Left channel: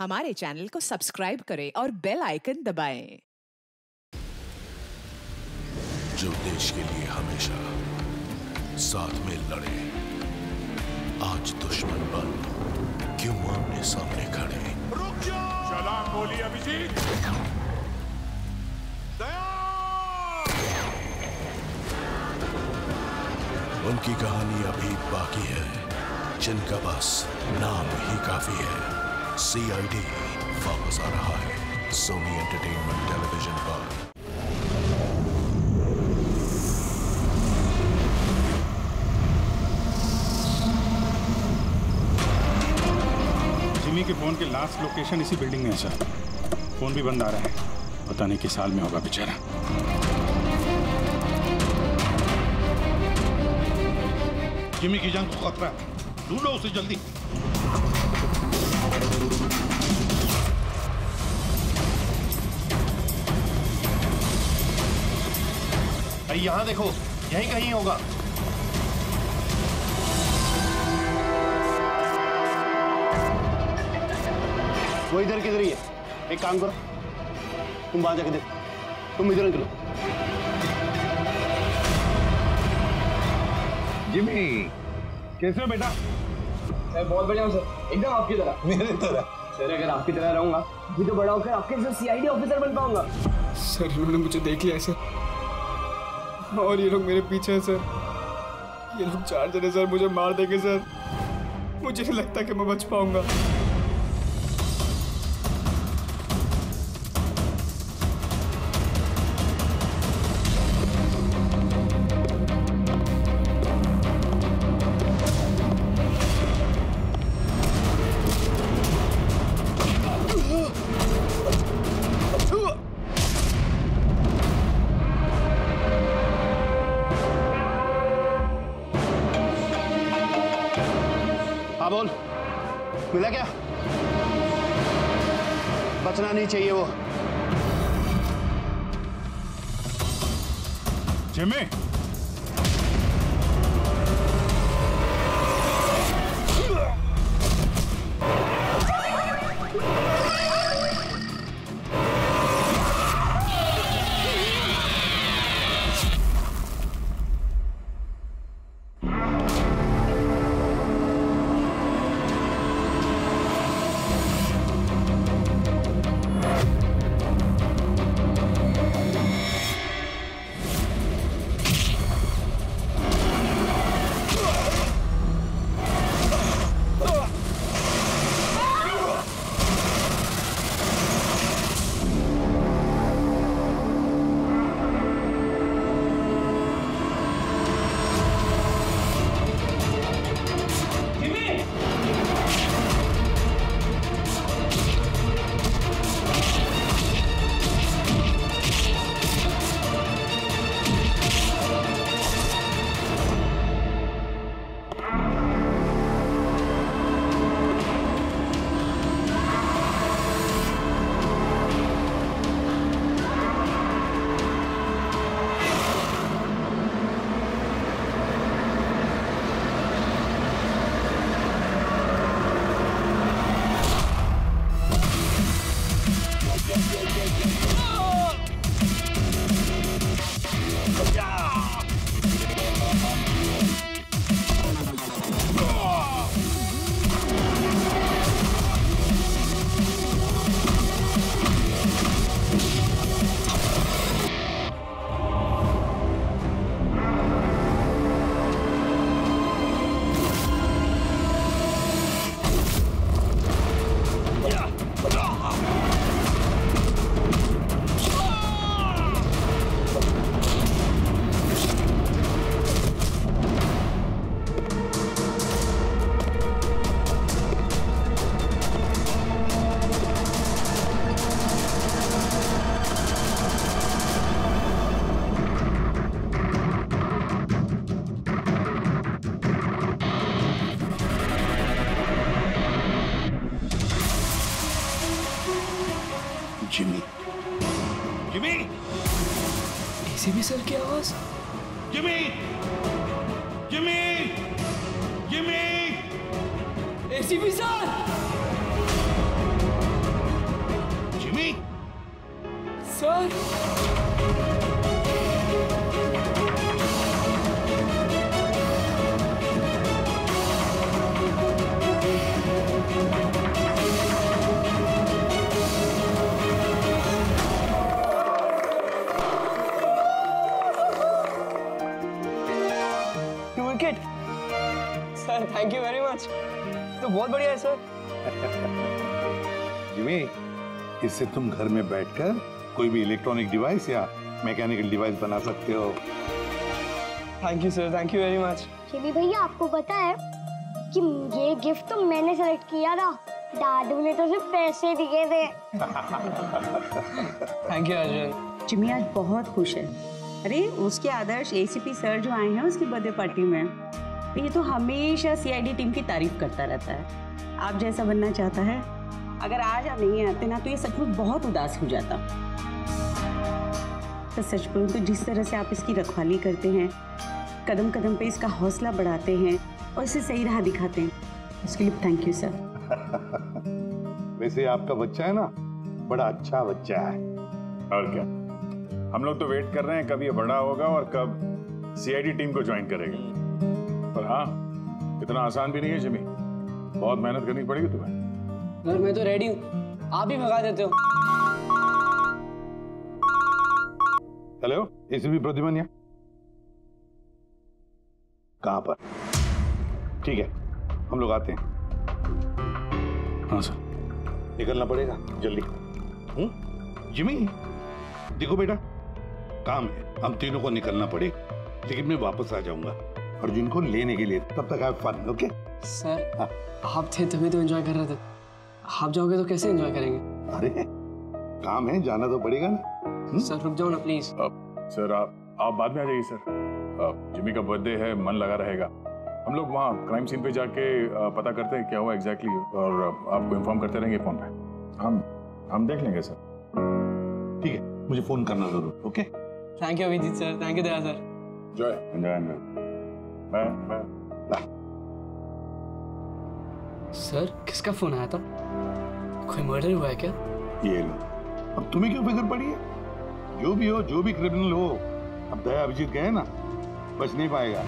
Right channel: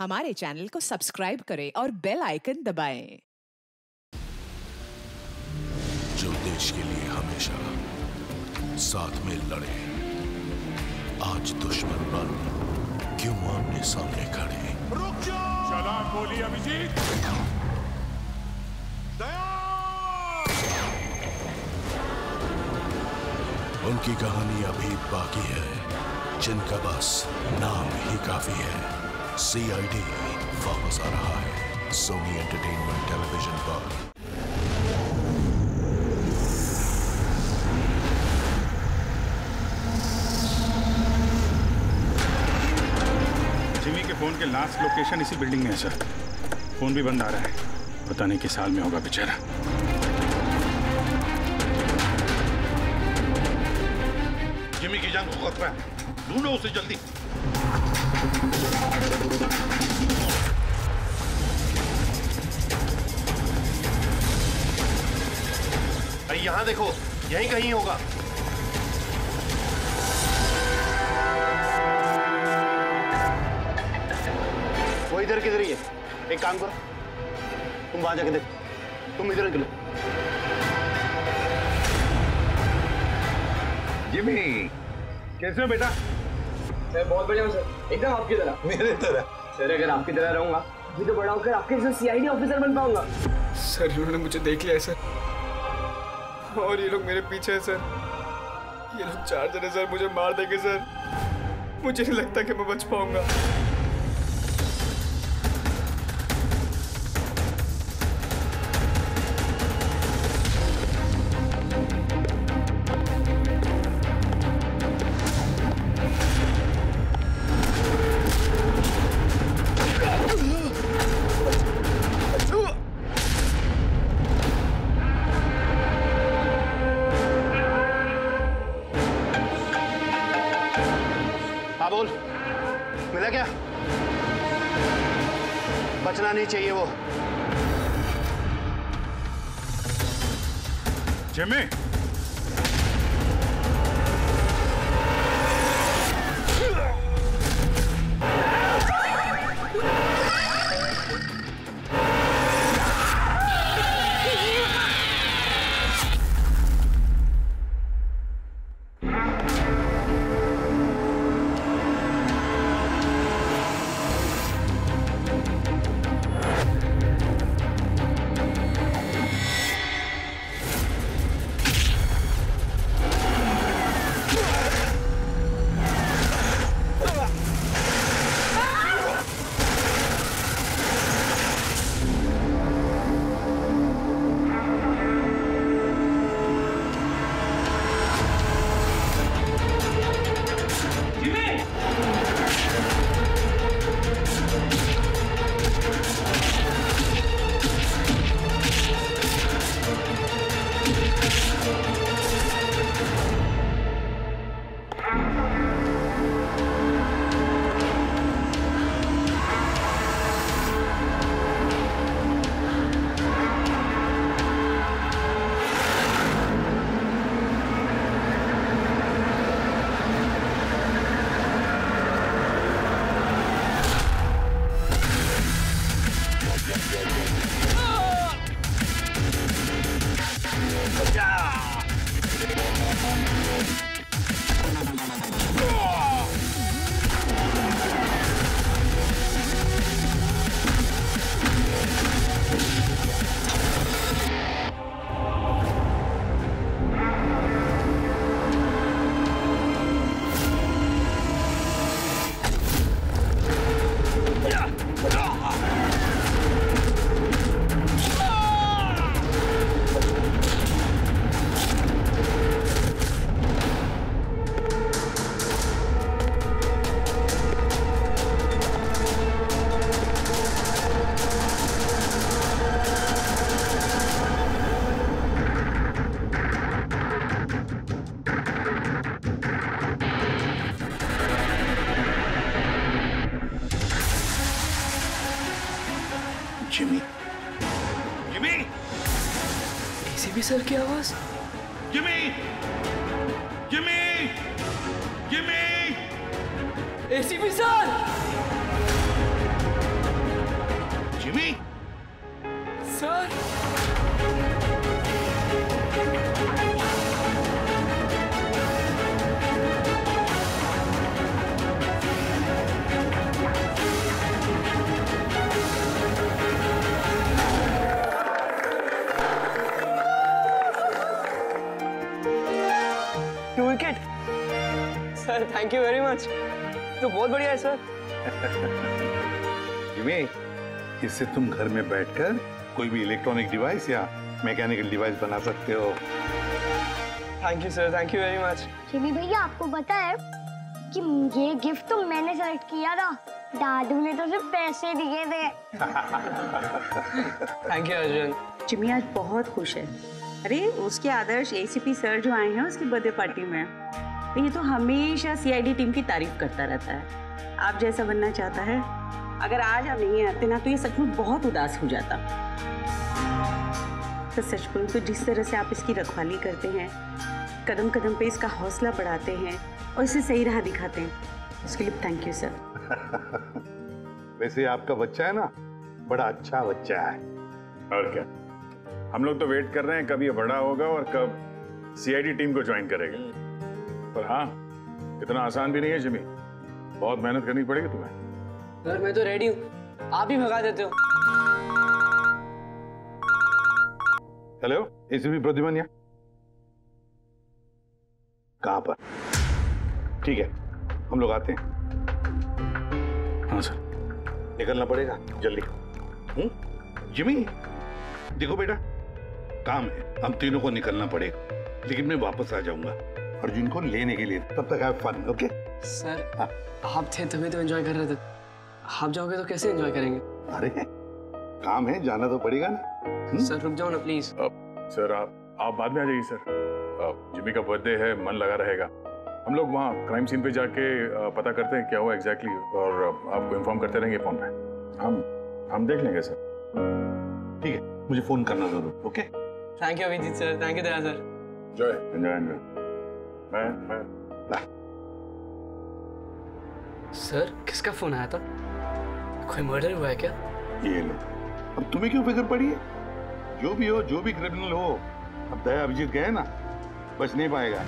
हमारे चैनल को सब्सक्राइब करें और बेल आइकन दबाएं। जो देश के लिए हमेशा साथ में लड़े, आज दुश्मन बन क्यों आमने सामने खड़े। रुक जाओ! सलाम बोली अभिजीत। उनकी कहानी अभी बाकी है, जिनका बस नाम ही काफी है। CID वापस आ रहा है सोनी एंटरटेनमेंट टेलीविजन पर। जिमी के फोन के लास्ट लोकेशन इसी बिल्डिंग में है सर। फोन भी बंद आ रहा है, पता नहीं किस हाल में होगा बेचारा। जिमी की जान को खतरा है, ढूंढो उसे जल्दी। भाई यहां देखो, यहीं कहीं होगा। वो इधर किधर ही है। एक काम करो, तुम वहां जाके देखो, तुम इधर निकलो। जिमी कैसे हो बेटा? सर बहुत बढ़िया हूँ सर, एकदम आपकी तरह। मेरे तरह? सर अगर आपकी तरह रहूंगा अभी तो बड़ा होकर आपके जैसे CID ऑफिसर बन पाऊंगा। सर इन्होंने मुझे देख लिया है सर, और ये लोग मेरे पीछे हैं सर। ये लोग 4 जने सर मुझे मार देंगे सर। मुझे नहीं लगता कि मैं बच पाऊंगा। हाँ बोल, मिला क्या? बचना नहीं चाहिए वो। Jimmy Jimmy, Jimmy, ACP sir की आवाज। Jimmy, Jimmy, Jimmy, ACP sir. Sir two wicket sir, thank you very much. तो बहुत बढ़िया है सर। जिमी, इससे तुम घर में बैठकर कोई भी इलेक्ट्रॉनिक डिवाइस या मैकेनिकल डिवाइस बना सकते हो। Thank you sir, thank you very much. Jimmy भैया, आपको पता है कि ये गिफ्ट तो मैंने सेलेक्ट किया था, दादू ने तो सिर्फ पैसे दिए थे। Thank you Arjun. जिमी आज बहुत खुश है। अरे उसके आदर्श एसीपी सर जो आए हैं उसकी बर्थडे पार्टी में, तो ये तो हमेशा सीआईडी टीम की तारीफ करता रहता है। आप जैसा बनना चाहता है। अगर आज आप नहीं आते ना तो ये सचमुच बहुत उदास हो जाता। तो सच बोलूं तो जिस तरह से आप इसकी रखवाली करते हैं, कदम कदम पे इसका हौसला बढ़ाते हैं और इसे सही राह दिखाते हैं, उसके लिए थैंक यू सर। वैसे आपका बच्चा है ना, बड़ा अच्छा बच्चा है। और क्या, हम लोग तो वेट कर रहे हैं कब ये बड़ा होगा और कब सीआईडी टीम को ज्वाइन करेगा। पर हाँ, इतना आसान भी नहीं है जिमी, बहुत मेहनत करनी पड़ेगी तुम्हें। सर मैं तो रेडी हूँ, आप ही भगा देते हो। हेलो, एसीपी प्रद्युमन कहाँ पर? ठीक है, हम लोग आते हैं। हाँ सर। निकलना पड़ेगा जल्दी। जिमी, देखो बेटा, काम है, हम तीनों को निकलना पड़ेगा, लेकिन मैं वापस आ जाऊंगा अर्जुन को लेने के लिए। तब तक हैव फन, ओके? सर हाँ। आप थे तभी तो एंजॉय कर रहे थे, आप जाओगे तो कैसे एंजॉय करेंगे? अरे काम है, जाना तो पड़ेगा ना। सर रुक जाओ ना प्लीज। सर आप बाद में आ जाइए सर। जिमी का बर्थडे है, मन लगा रहेगा। हम लोग वहाँ क्राइम सीन पे जाके पता करते हैं क्या हुआ एग्जैक्टली, और आपको इन्फॉर्म करते रहेंगे फोन पे। हम देख लेंगे सर। ठीक है, मुझे फोन करना जरूर, okay? Thank you Abhijit sir, thank you Daya sir. Enjoy. Bye. Sir किसका फोन आया था? कोई मर्डर हुआ है क्या? ये लो, अब तुम्हें क्यों फिक्र पड़ी है? जो भी हो, जो भी क्रिमिनल हो, अब दया अभिजीत गए ना, बच नहीं पाएगा।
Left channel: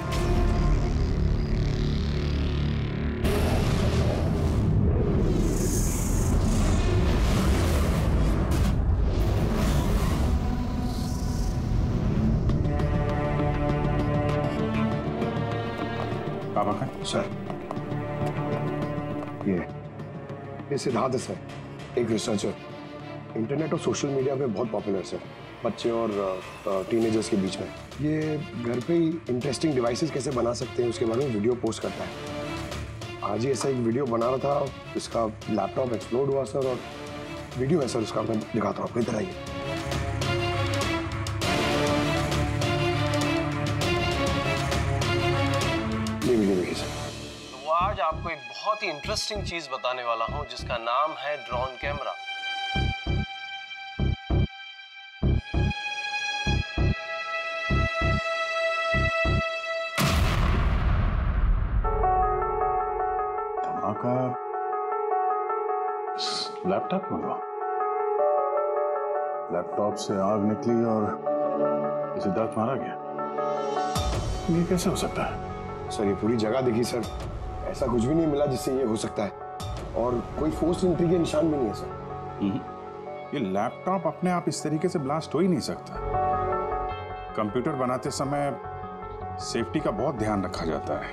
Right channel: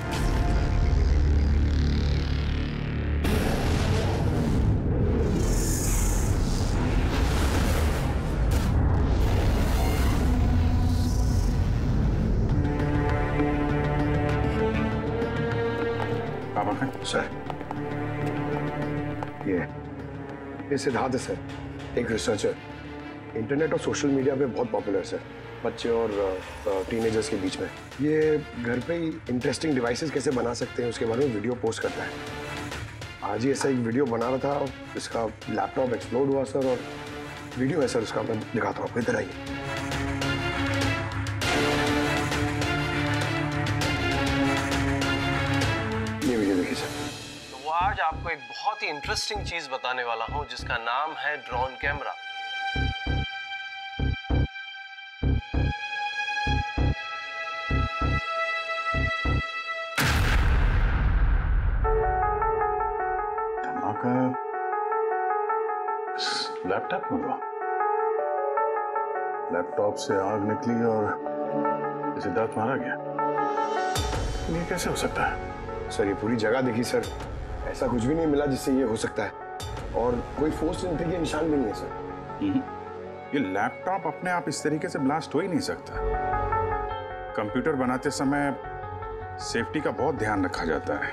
सर ये सिद्धार्थ है सर, एक रिसर्चर, इंटरनेट और सोशल मीडिया पे बहुत पॉपुलर सर, बच्चे और टीनेजर्स के बीच में। ये घर पे ही इंटरेस्टिंग डिवाइसेस कैसे बना सकते हैं उसके बारे में वीडियो पोस्ट करता है। आज ही ऐसा एक वीडियो बना रहा था, इसका लैपटॉप एक्सप्लोड हुआ सर, और वीडियो है सर उसका, मैं दिखाता हूँ आपको, इधर आइए। ये वीडियो देखिए सर। तो आज आपको एक बहुत ही इंटरेस्टिंग चीज बताने वाला हूं जिसका नाम है ड्रोन कैमरा। धमाका लैपटॉप में हुआ। लैपटॉप से आग निकली और सिद्धार्थ मारा गया। ये कैसे हो सकता है? सर ये पूरी जगह देखी सर, ऐसा कुछ भी नहीं मिला जिससे ये हो सकता है, और कोई फोर्स एंट्री के निशान भी नहीं है सर। ये लैपटॉप अपने आप इस तरीके से ब्लास्ट हो ही नहीं सकता। कंप्यूटर बनाते समय सेफ्टी का बहुत ध्यान रखा जाता है,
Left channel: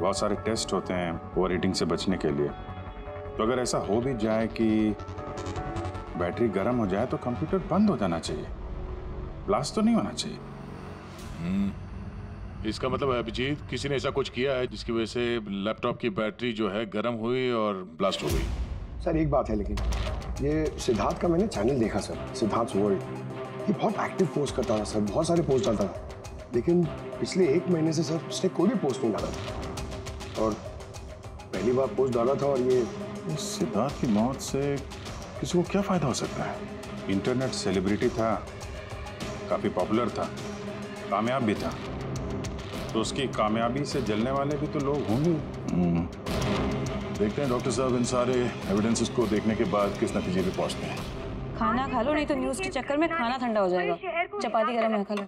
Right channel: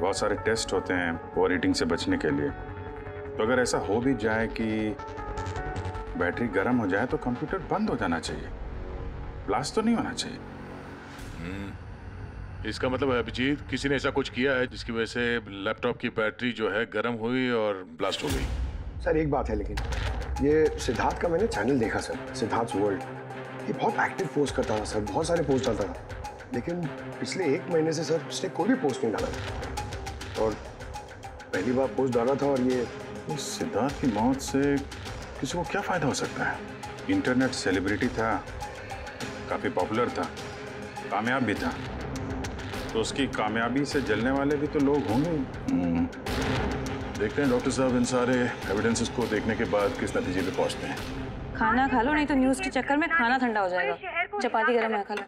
बहुत सारे टेस्ट होते हैं ओवरहीटिंग से बचने के लिए। तो अगर ऐसा हो भी जाए कि बैटरी गर्म हो जाए तो कंप्यूटर बंद हो जाना चाहिए, ब्लास्ट तो नहीं होना चाहिए। इसका मतलब है अभिजीत, किसी ने ऐसा कुछ किया है जिसकी वजह से लैपटॉप की बैटरी जो है गर्म हुई और ब्लास्ट हो गई। सर एक बात है, लेकिन ये सिद्धार्थ का मैंने चैनल देखा सर, सिद्धार्थ वर्ल्ड, ये बहुत एक्टिव पोस्ट करता था सर, बहुत सारे पोस्ट डालता था, लेकिन पिछले 1 महीने से सर उसने कोई भी पोस्ट नहीं डाला था, और पहली बार पोस्ट डाला था। और ये सिद्धार्थ की मौत से किसी को क्या फायदा हो सकता है? इंटरनेट सेलिब्रिटी था, काफी पॉपुलर था, कामयाब भी था, तो उसकी कामयाबी से जलने वाले भी तो लोग होंगे। देखते हैं डॉक्टर साहब इन सारे एविडेंसेस को देखने के बाद किस नतीजे पे पहुंचते हैं। खाना खा लो, नहीं तो न्यूज के चक्कर में खाना ठंडा हो जाएगा। चपाती गरम है, खा लो।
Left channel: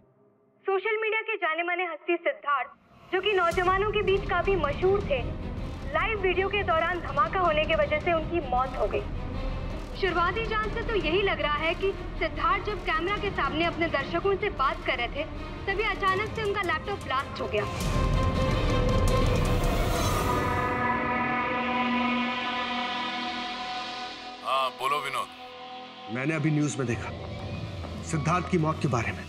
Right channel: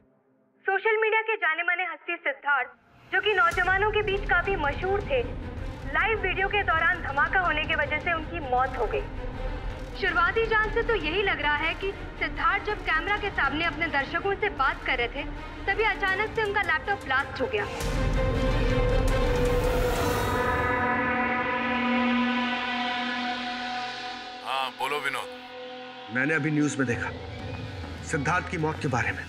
सोशल मीडिया के जाने माने हस्ती सिद्धार्थ, जो कि नौजवानों के बीच काफी मशहूर थे, लाइव वीडियो के दौरान धमाका होने की वजह से उनकी मौत हो गई। शुरुआती जांच से तो यही लग रहा है कि सिद्धार्थ जब कैमरा के सामने अपने दर्शकों से बात कर रहे थे, तभी अचानक से उनका लैपटॉप ब्लास्ट हो गया। हाँ बोलो विनोद। मैंने अभी न्यूज में देखा सिद्धार्थ की मौत के बारे में।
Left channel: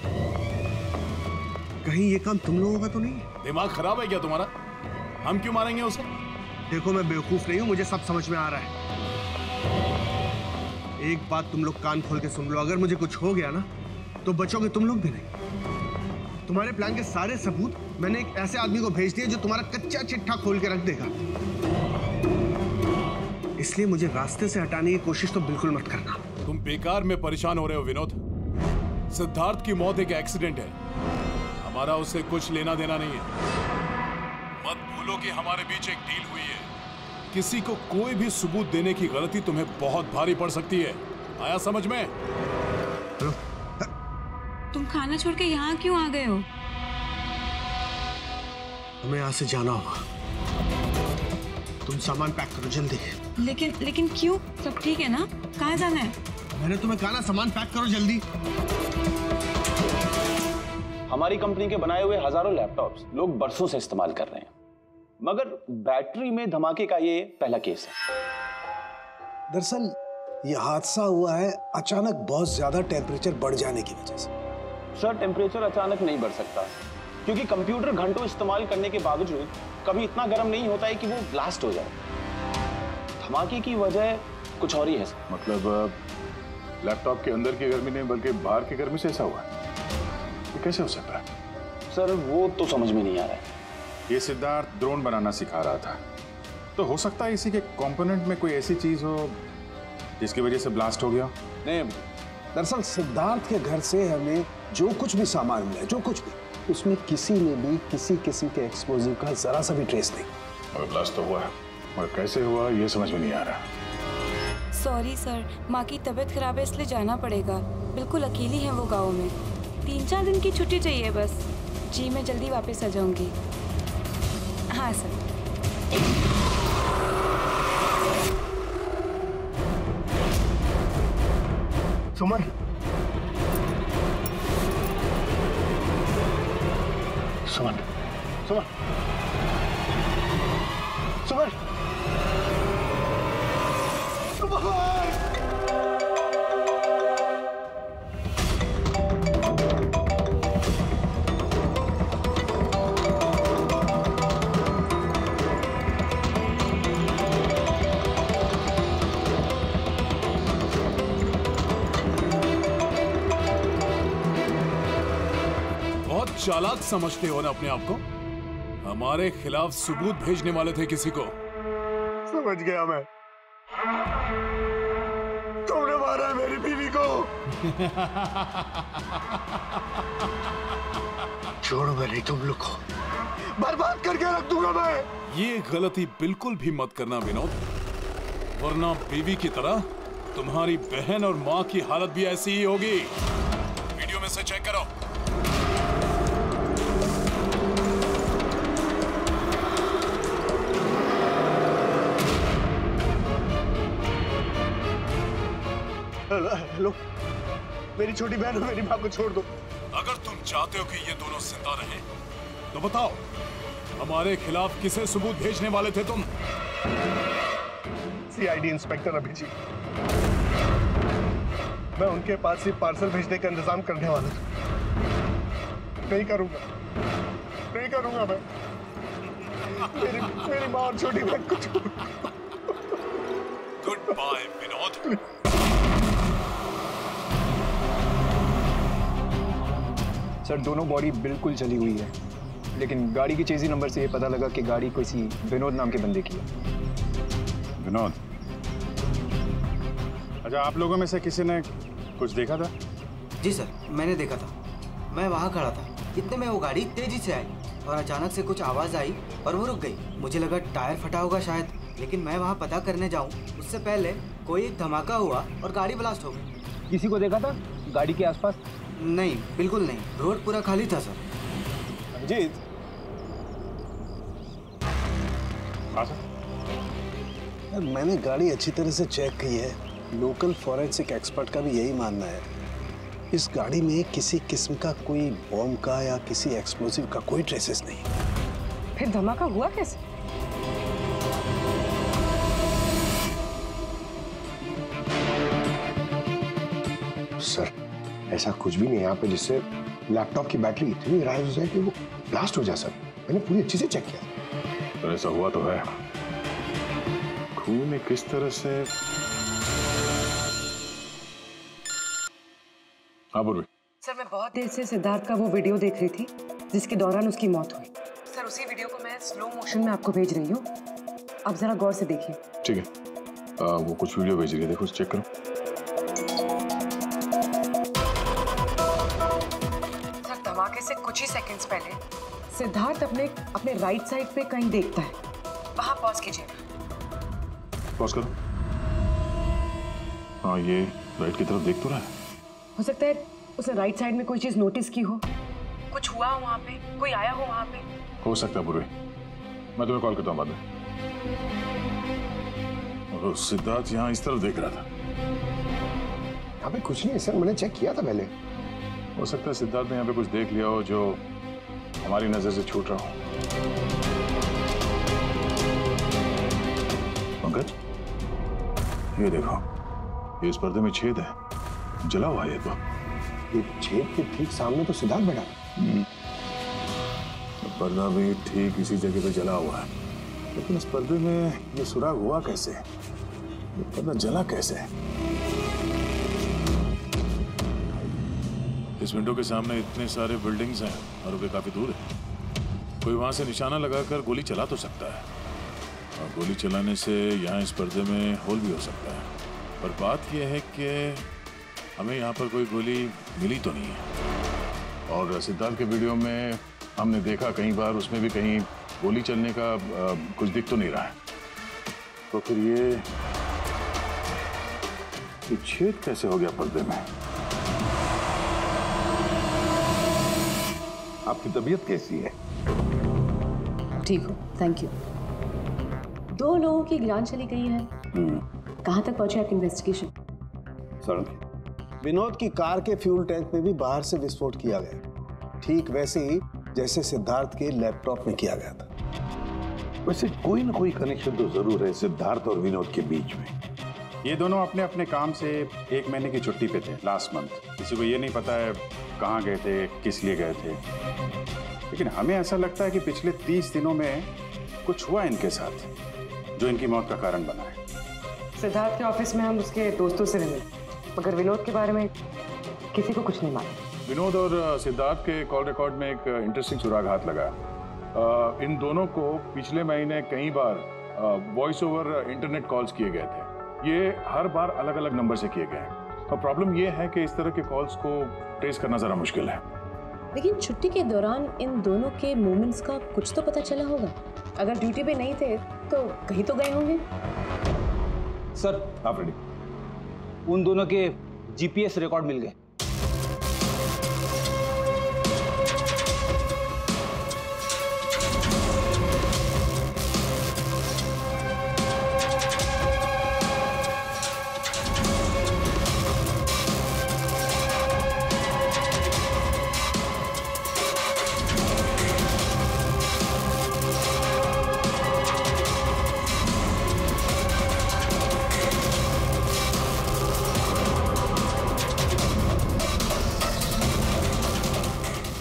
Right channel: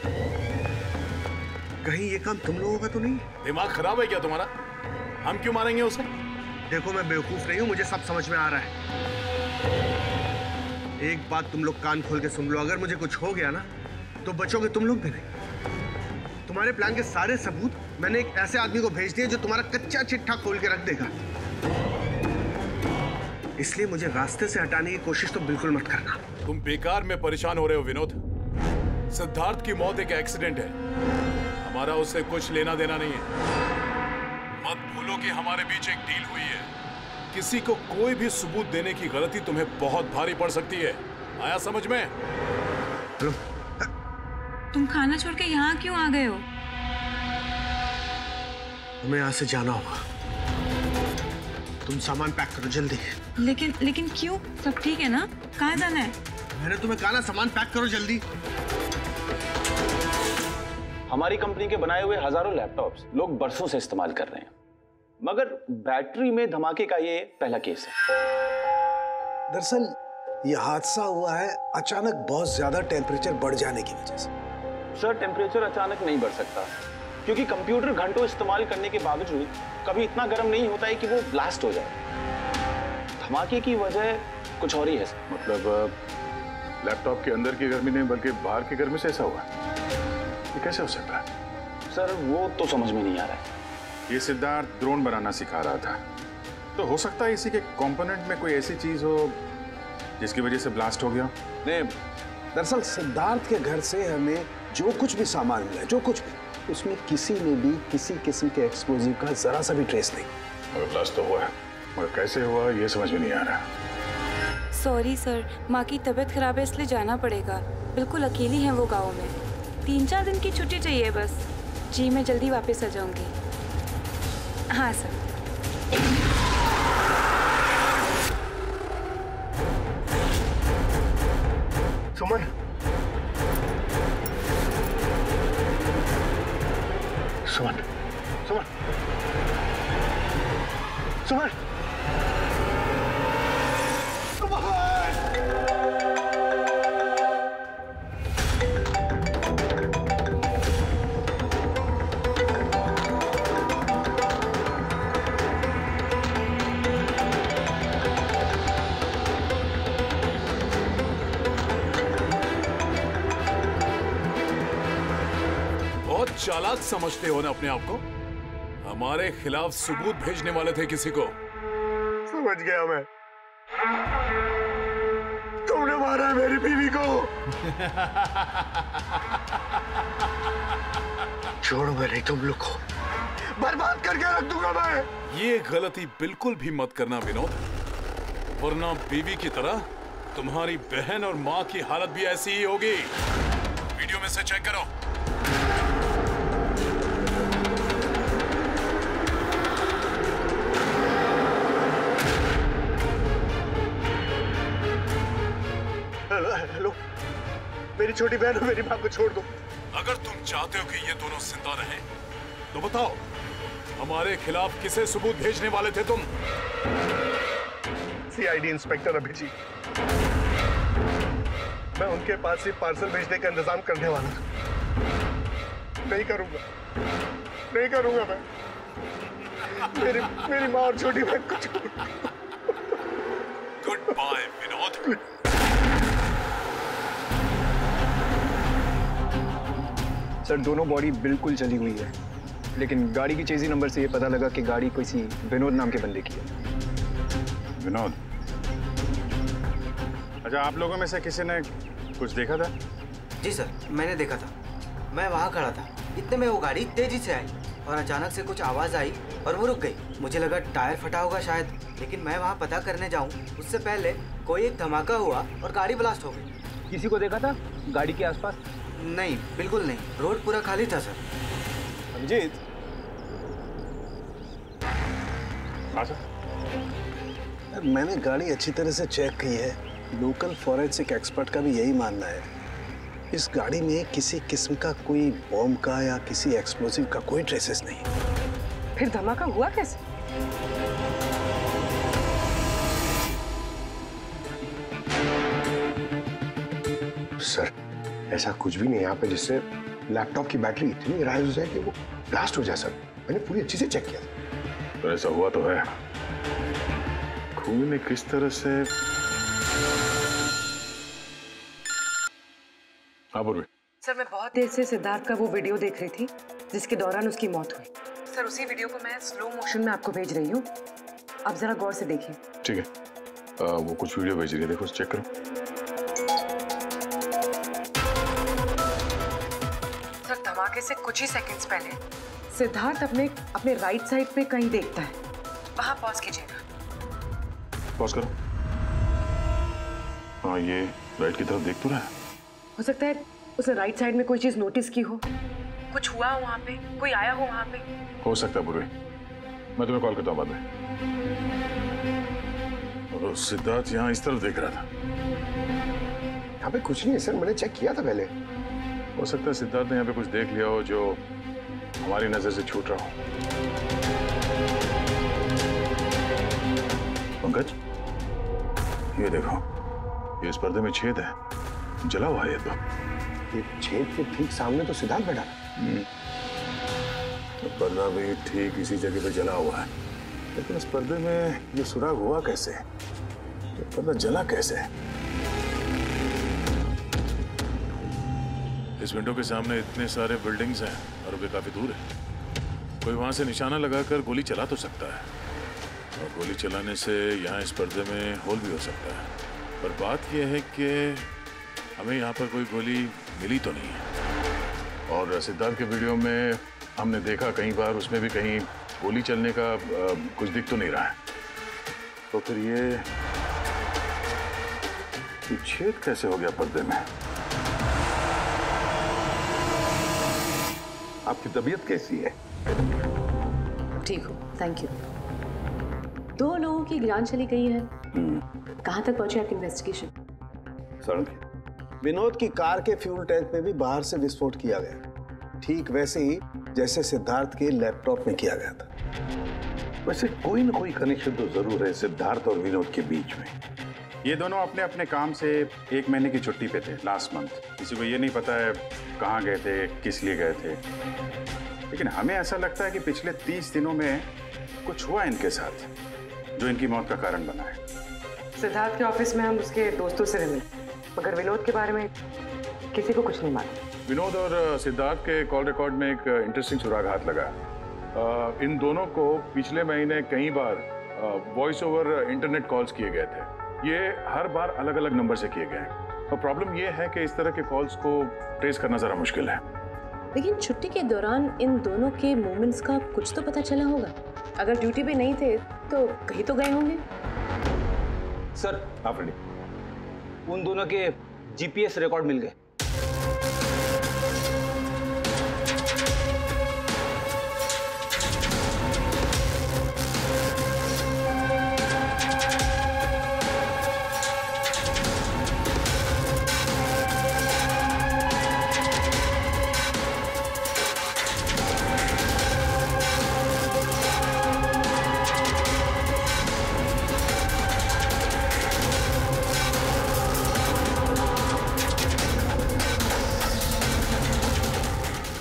कहीं ये काम तुम लोगों का तो नहीं है? दिमाग खराब है क्या तुम्हारा? हम क्यों मारेंगे उसे? देखो मैं बेवकूफ नहीं हूं, मुझे सब समझ में आ रहा है। एक बात तुम लोग कान खोल के सुन लो, अगर मुझे कुछ हो गया ना तो बचोगे तुम लोग भी नहीं। तुम्हारे प्लान के सारे सबूत मैंने एक ऐसे आदमी को भेज दिए जो तुम्हारा कच्चा चिट्ठा खोल के रख देगा। इसलिए मुझे रास्ते से हटाने की कोशिश तो बिल्कुल मत करना। तुम बेकार में परेशान हो रहे हो विनोद। सिद्धार्थ की मौत एक एक्सीडेंट है, हमारा उससे कुछ लेना देना नहीं है। मत भूलो कि हमारे बीच एक डील हुई है। किसी को कोई भी सबूत देने की गलती तुम्हें बहुत भारी पड़ सकती है। आया समझ में? हेलो, तुम खाना छोड़ के यहाँ क्यों आ गए हो? हमें यहाँ से जाना होगा। तुम सामान पैक करो जल्दी। लेकिन क्यों? सब ठीक है ना? कहाँ जाना है? मैंने तुम्हें कहा ना, सामान पैक करो जल्दी। हमारी कंपनी के बनाए हुए हजारों लैपटॉप्स लोग बरसों से इस्तेमाल कर रहे हैं, मगर बैटरी में धमाके का ये पहला केस है। दरअसल ये हादसा हुआ है अचानक बहुत ज्यादा टेम्परेचर बढ़ जाने की वजह से। सर, टेम्परेचर अचानक नहीं बढ़ सकता, क्योंकि कंप्यूटर घंटों इस्तेमाल करने के बावजूद कभी इतना गर्म नहीं होता है कि वो ब्लास्ट हो जाए। धमाके की वजह कुछ और ही है। मतलब लैपटॉप के अंदर की गर्मी नहीं बल्कि बाहर की गर्मी से ऐसा हुआ? ये कैसे हो सकता है? सर वो तो समझ में नहीं आ रहा है। ये सिद्धार्थ ड्रोन बनाना सिखा रहा था, तो हो सकता है इसी के कंपोनेंट में कोई ऐसी चीज हो जिसकी वजह से ब्लास्ट हो गया। नहीं, दरअसल सिद्धार्थ के घर से हमें जो कुछ भी सामान मिला, जो कुछ भी, उसमें किसी ने भी किसी किस्म के एक्सप्लोजिव का जरा सा भी ट्रेस नहीं। मगर ब्लास्ट तो हुआ है, मगर कैसे हुआ ये समझ में नहीं आ रहा। सॉरी सर, माँ की तबीयत खराब है इसलिए जाना पड़ेगा। बिल्कुल अकेली हैं वो गाँव में। 3-4 दिन की छुट्टी चाहिए बस। जी मैं जल्दी वापस आ जाऊंगी। हाँ सर। सुमन, सुमन, सुमन, सुमन, बहुत चालाक समझते हो ना अपने आप को। हमारे खिलाफ सबूत भेजने वाले थे किसी को। समझ गया मैं। तुमने मारा है मेरी बीवी को। छोड़ूंगा नहीं तुम लोग को, बर्बाद करके रख दूंगा मैं। ये गलती बिल्कुल भी मत करना विनोद, वरना बीवी की तरह तुम्हारी बहन और माँ की हालत भी ऐसी ही होगी। वीडियो में से चेक करो। हेलो, मेरी छोटी बहन और मेरी माँ को छोड़ दो। अगर तुम चाहते हो कि ये दोनों जिंदा रहें, तो बताओ हमारे खिलाफ किसे सबूत भेजने वाले थे तुम? CID inspector Abhijit. मैं उनके पास ही पार्सल भेजने का इंतजाम करने वाला था। नहीं करूंगा, नहीं करूंगा मैं। मेरी माँ और छोटी बहन को छोड़ दो। Good bye Vinod. सर दोनों बॉडी बिल्कुल जली हुई है, लेकिन गाड़ी की चेजी नंबर से ये पता लगा कि गाड़ी किसी विनोद नाम के बंदे की है। विनोद, अच्छा आप लोगों में से किसी ने कुछ देखा था? जी सर, मैंने देखा था। मैं वहाँ खड़ा था, इतने में वो गाड़ी तेजी से आई और अचानक से कुछ आवाज़ आई और वो रुक गई। मुझे लगा टायर फटा होगा शायद, लेकिन मैं वहाँ पता करने जाऊँ उससे पहले कोई एक धमाका हुआ और गाड़ी ब्लास्ट हो गई। किसी को देखा था गाड़ी के आसपास? नहीं, बिल्कुल नहीं, रोड पूरा खाली था सर। अभिजीत, मैंने गाड़ी अच्छी तरह से चेक की है। लोकल फॉरेंसिक एक्सपर्ट का भी यही मानना है। इस गाड़ी में किसी किस्म का कोई बॉम्ब का या किसी एक्सप्लोसिव का कोई ट्रेसेस नहीं। फिर धमाका हुआ कैसे? सर, ऐसा कुछ भी नहीं है यहाँ पे जिससे लैपटॉप की बैटरी इतनी राइज हो जाए कि वो ब्लास्ट हो जाए। सर, मैंने पूरी अच्छी से चेक किया। तो ऐसा हुआ तो है। खून ने किस तरह से? हाँ बोल। सर, मैं बहुत देर से सिद्धार्थ का वो वीडियो देख रही थी जिसके दौरान उसकी मौत हुई। सर, उसी वीडियो को मैं स्लो मोशन में आपको भेज रही हूँ, आप जरा गौर से देखिए। ठीक है, वो कुछ वीडियो भेज रही है, देखो चेक करो। सर, धमाके से कुछ ही सेकंड्स पहले सिद्धार्थ अपने राइट साइड पे कहीं देखता है। वहां पॉज कीजिएगा। पॉज करो। हाँ, ये राइट की तरफ देख तो रहा है। हो सकता है उसने राइट साइड में कोई चीज नोटिस की हो, कुछ हुआ हो वहां पे, कोई आया हो वहां पे। हो सकता है पूर्वी, मैं तुम्हें कॉल करता हूँ बाद में। और सिद्धार्थ यहाँ इस तरफ देख रहा था। यहाँ पे कुछ नहीं है सर, मैंने चेक किया था पहले। हो सकता है सिद्धार्थ ने यहाँ पे कुछ देख लिया हो जो हमारी नजर से छूट रहा हो। पंकज, ये देखो, ये इस पर्दे में छेद है, जला हुआ है ये। तो ये छेद के ठीक सामने तो सिद्धार्थ बैठा है। तो पर्दा भी ठीक इसी जगह पे जला हुआ है, लेकिन इस पर्दे में ये सुराग हुआ कैसे? ये पर्दा जला कैसे? इस विंडो के सामने इतने सारे बिल्डिंग्स हैं और वे काफी दूर है। कोई वहां से निशाना लगाकर गोली चला तो सकता है, और गोली चलाने से यहाँ इस पर्दे में होल भी हो सकता है। पर बात यह है कि हमें यहाँ पर कोई गोली मिली तो नहीं है। और सिद्धार्थ के वीडियो में हमने देखा कई बार, उसमें भी कहीं गोली चलने का कुछ दिख तो नहीं रहा है। तो फिर ये छेद कैसे हो गया पर्दे में? आपकी तबीयत कैसी है? ठीक हो, थैंक यू। 2 लोगों की जान चली गई है। कहाँ तक पहुंची आपकी इन्वेस्टिगेशन? सर, विनोद की कार के फ्यूल टैंक में भी बाहर से विस्फोट किया गया, ठीक वैसे ही जैसे सिद्धार्थ के लैपटॉप में किया गया था। वैसे कोई ना कोई कनेक्शन तो जरूर है सिद्धार्थ और विनोद के बीच में। ये दोनों अपने अपने काम से 1 महीने की छुट्टी पे थे लास्ट मंथ। किसी को ये नहीं पता है कहाँ गए थे, किस लिए गए थे, लेकिन हमें ऐसा लगता है कि पिछले 30 दिनों में कुछ हुआ इनके साथ जो इनकी मौत का कारण बना है। सिद्धार्थ के ऑफिस में हम उसके दोस्तों से मिले, मगर विनोद के बारे में किसी को कुछ नहीं मालूम। विनोद और सिद्धार्थ के कॉल रिकॉर्ड में एक इंटरेस्टिंग सुराग हाथ लगा। इन दोनों को पिछले महीने कई बार वॉइस ओवर इंटरनेट कॉल्स किए गए थे। ये हर बार अलग अलग नंबर से किए गए हैं, और प्रॉब्लम ये है कि इस तरह के कॉल्स को ट्रेस करना जरा मुश्किल है। लेकिन छुट्टी के दौरान इन दोनों के मूवमेंट्स का कुछ तो पता चला होगा। अगर ड्यूटी पे नहीं थे तो कहीं तो गए होंगे। सर, आप रेडी? उन दोनों के जीपीएस रिकॉर्ड मिल गए।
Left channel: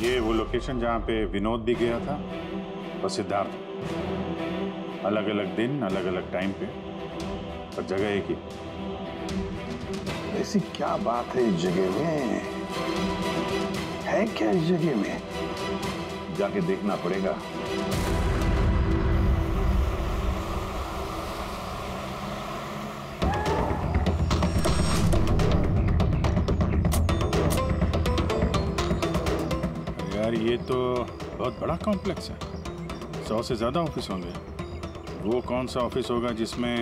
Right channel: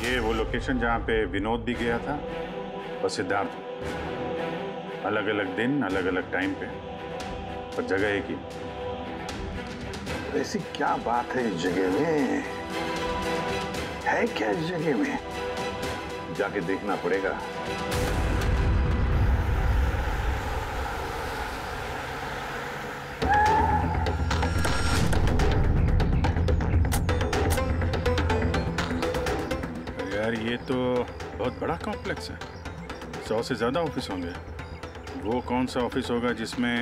ये वो लोकेशन जहाँ पे विनोद भी गया था और सिद्धार्थ। अलग अलग दिन, अलग अलग टाइम पे, और जगह एक ही। ऐसी क्या बात है इस जगह में? है क्या इस जगह में? जाके देखना पड़ेगा। यार, ये तो बहुत बड़ा कॉम्प्लेक्स है, 100 से ज्यादा ऑफिस होंगे। वो कौन सा ऑफिस होगा जिसमें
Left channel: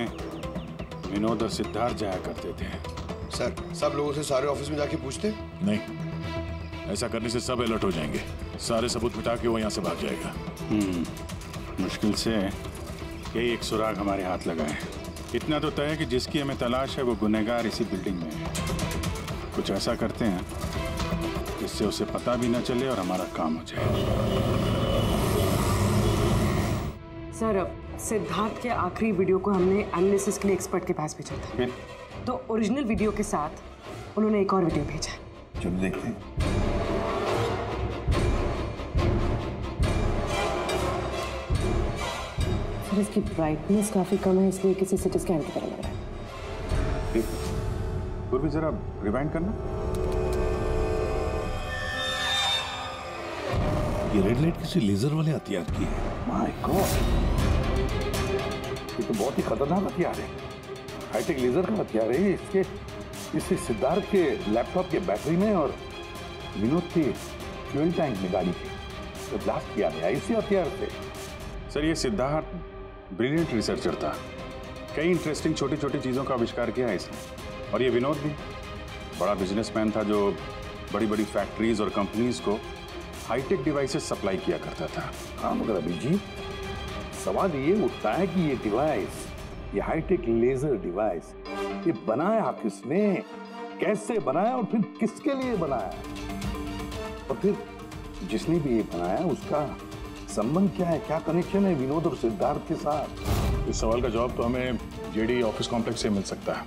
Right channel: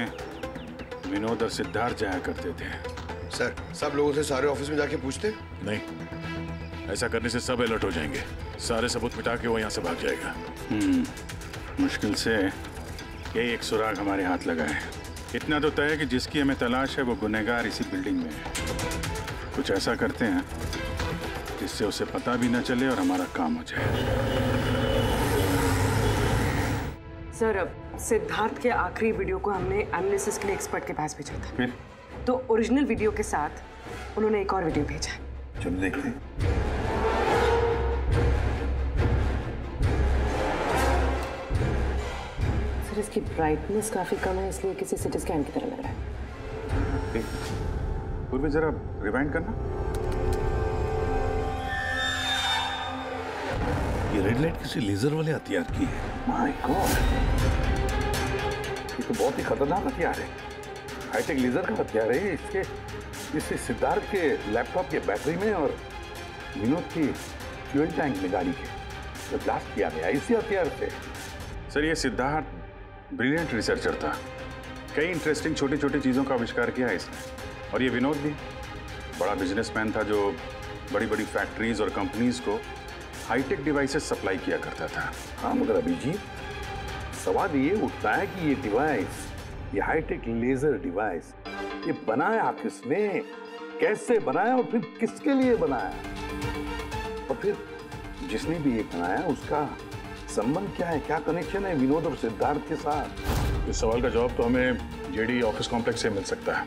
विनोद और सिद्धार्थ जाया करते थे? सर, सब लोगों से सारे ऑफिस में जाके पूछते? नहीं, ऐसा करने से सब अलर्ट हो जाएंगे। सारे सबूत मिटा के वो यहाँ से भाग जाएगा। मुश्किल से यही एक सुराग हमारे हाथ लगा है। इतना तो तय है कि जिसकी हमें तलाश है वो गुनहगार इसी बिल्डिंग में है। कुछ ऐसा करते हैं जिससे उसे पता भी न चले और हमारा काम हो जाए। सर, अब सिद्धार्थ के आखिरी वीडियो को हमने एनालिसिस के लिए एक्सपर्ट के पास भेजा था। फिर? तो ओरिजिनल वीडियो के साथ उन्होंने एक और वीडियो भेजा। चलो देखते हैं। सर, इसकी ब्राइटनेस काफी कम है, इसलिए किसी सिटी स्कैन की तरह लग रहा है। पूर्वी जरा रिवाइंड करना। ये रेड लाइट किसी लेजर वाले हथियार की है। माय गॉड, ये तो बहुत ही खतरनाक हथियार है। हाईटेक लेजर का हथियार है। इससे सिद्धार्थ के लैपटॉप के बैटरी में और विनोद की फ्यूल टैंक में गाड़ी के तो ब्लास्ट किया गया इसी हथियार से। सर, ये सिद्धार्थ ब्रिलियंट रिसर्चर था। कई इंटरेस्टिंग छोटी छोटी चीज़ों का आविष्कार किया है इसने। और ये विनोद भी बड़ा बिजनेसमैन था जो बड़ी बड़ी फैक्ट्रीज और कंपनीज को हाईटेक डिवाइसेस सप्लाई किया करता था। हाँ, मगर अभिजीत, सवाल ये उठता है कि ये डिवाइस, ये हाईटेक लेजर डिवाइस, ये बनाया किसने, कैसे बनाया और फिर किसके लिए बनाया, और फिर जिसने भी ये बनाया उसका संबंध क्या है, क्या कनेक्शन है विनोद और सिद्धार्थ के साथ? इस सवाल का जवाब तो हमें जेडी ऑफिस कॉम्प्लेक्स से मिल सकता है।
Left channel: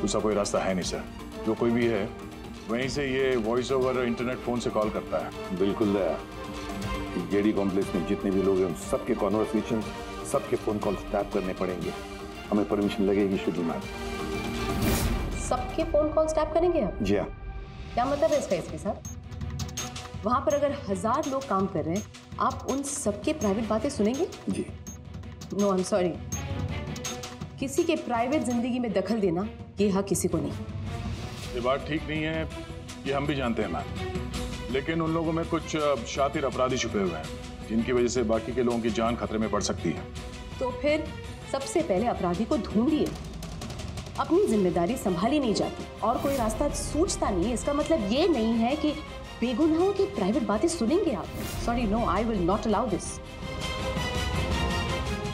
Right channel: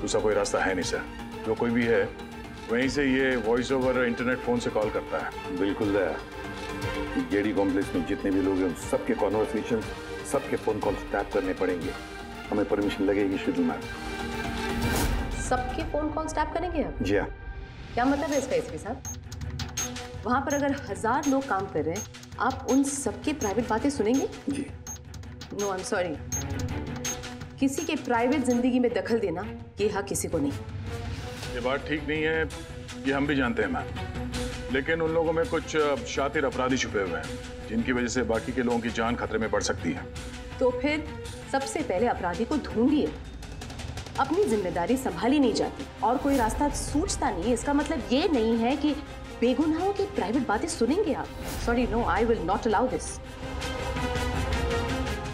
दूसरा कोई रास्ता है नहीं सर। जो कोई भी है वहीं से ये वॉइस ओवर इंटरनेट फोन से कॉल करता है। बिल्कुल दया, जेडी कॉम्प्लेक्स में जितने भी लोग हैं सबके कॉन्वर्सेशन, सबके फोन कॉल्स टैप करने पड़ेंगे। हमें परमिशन लगेगी शेड्यूल मैम। सबके फोन कॉल्स टैप करेंगे आप? जी हाँ। क्या मतलब है इसका इसके साथ? वहां पर अगर 1000 लोग काम कर रहे हैं, आप उन सबके प्राइवेट बातें सुनेंगे? जी। No, I am sorry. किसी के प्राइवेट जिंदगी में दखल देना ये हक किसी को नहीं। ये बात ठीक नहीं है, ये हम भी जानते हैं मैम, लेकिन उन लोगों में कुछ शातिर अपराधी छुपे हुए हैं जिनकी वजह से बाकी के लोगों की जान खतरे में पड़ सकती है। तो फिर सबसे पहले अपराधी को ढूंढिए। अपनी जिम्मेदारी संभाली नहीं जाती और कोई रास्ता सूझता नहीं है, इसका मतलब ये नहीं है कि बेगुनाहों की प्राइवेट बातें सुनेंगे आप। Sorry, no, I will not allow this.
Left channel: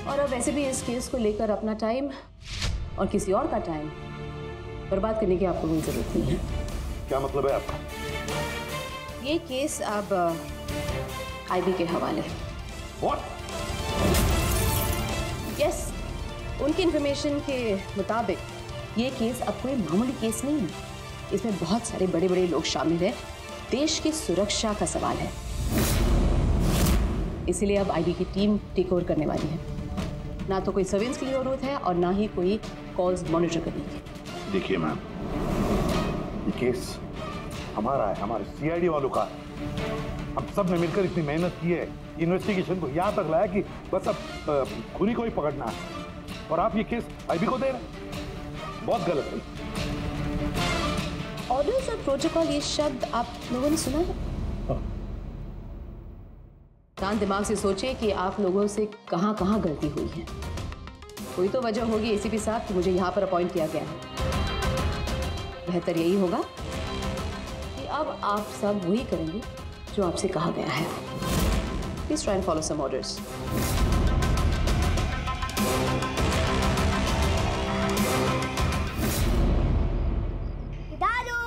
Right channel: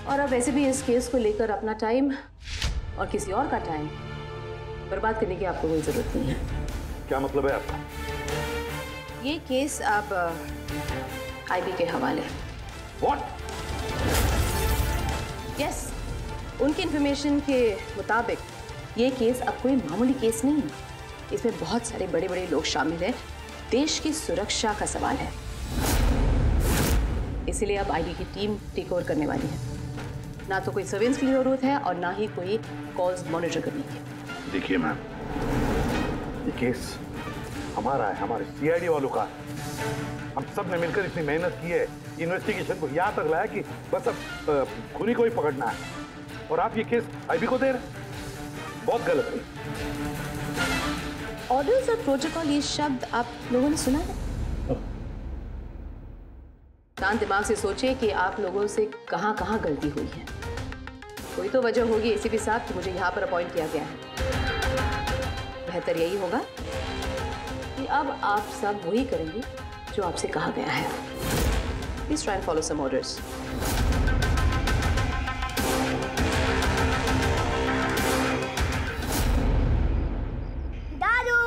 और अब वैसे भी इस केस को लेकर अपना टाइम और किसी और का टाइम बर्बाद करने की आपको कोई जरूरत नहीं है। क्या मतलब है आपका? ये केस अब आईबी के हवाले है। What? यस, उनकी इंफॉर्मेशन के मुताबिक ये केस अब कोई मामूली केस नहीं है। इसमें बहुत सारे बड़े बड़े लोग शामिल हैं। देश की सुरक्षा का सवाल है, इसलिए अब आईबी की टीम टेक ओवर करने वाली है। ना तो कोई सर्वेलेंस की जरूरत है और ना ही कोई कॉल्स मॉनिटर करने की। देखिए मैम, ये केस हमारा है, हमारे सीआईडी वालों का है। हम सब ने मिलकर इतनी मेहनत की है, इन्वेस्टिगेशन को यहाँ तक लाया कि बस अब खूनी को ही पकड़ना है, और आप ये केस आईबी को दे रहे हैं। बहुत गलत है। ऑर्डर्स और प्रोटोकॉल, ये शब्द आप लोगों ने सुना है? शांत दिमाग से सोचिए कि आप लोगों से कहां कहां गलती हुई है। कोई तो वजह होगी एसीपी साहब कि मुझे यहां पर अपॉइंट किया गया है। बेहतर यही होगा कि अब आप सब वही करेंगे जो आपसे कहा गया है। Please try and follow some orders. दादू,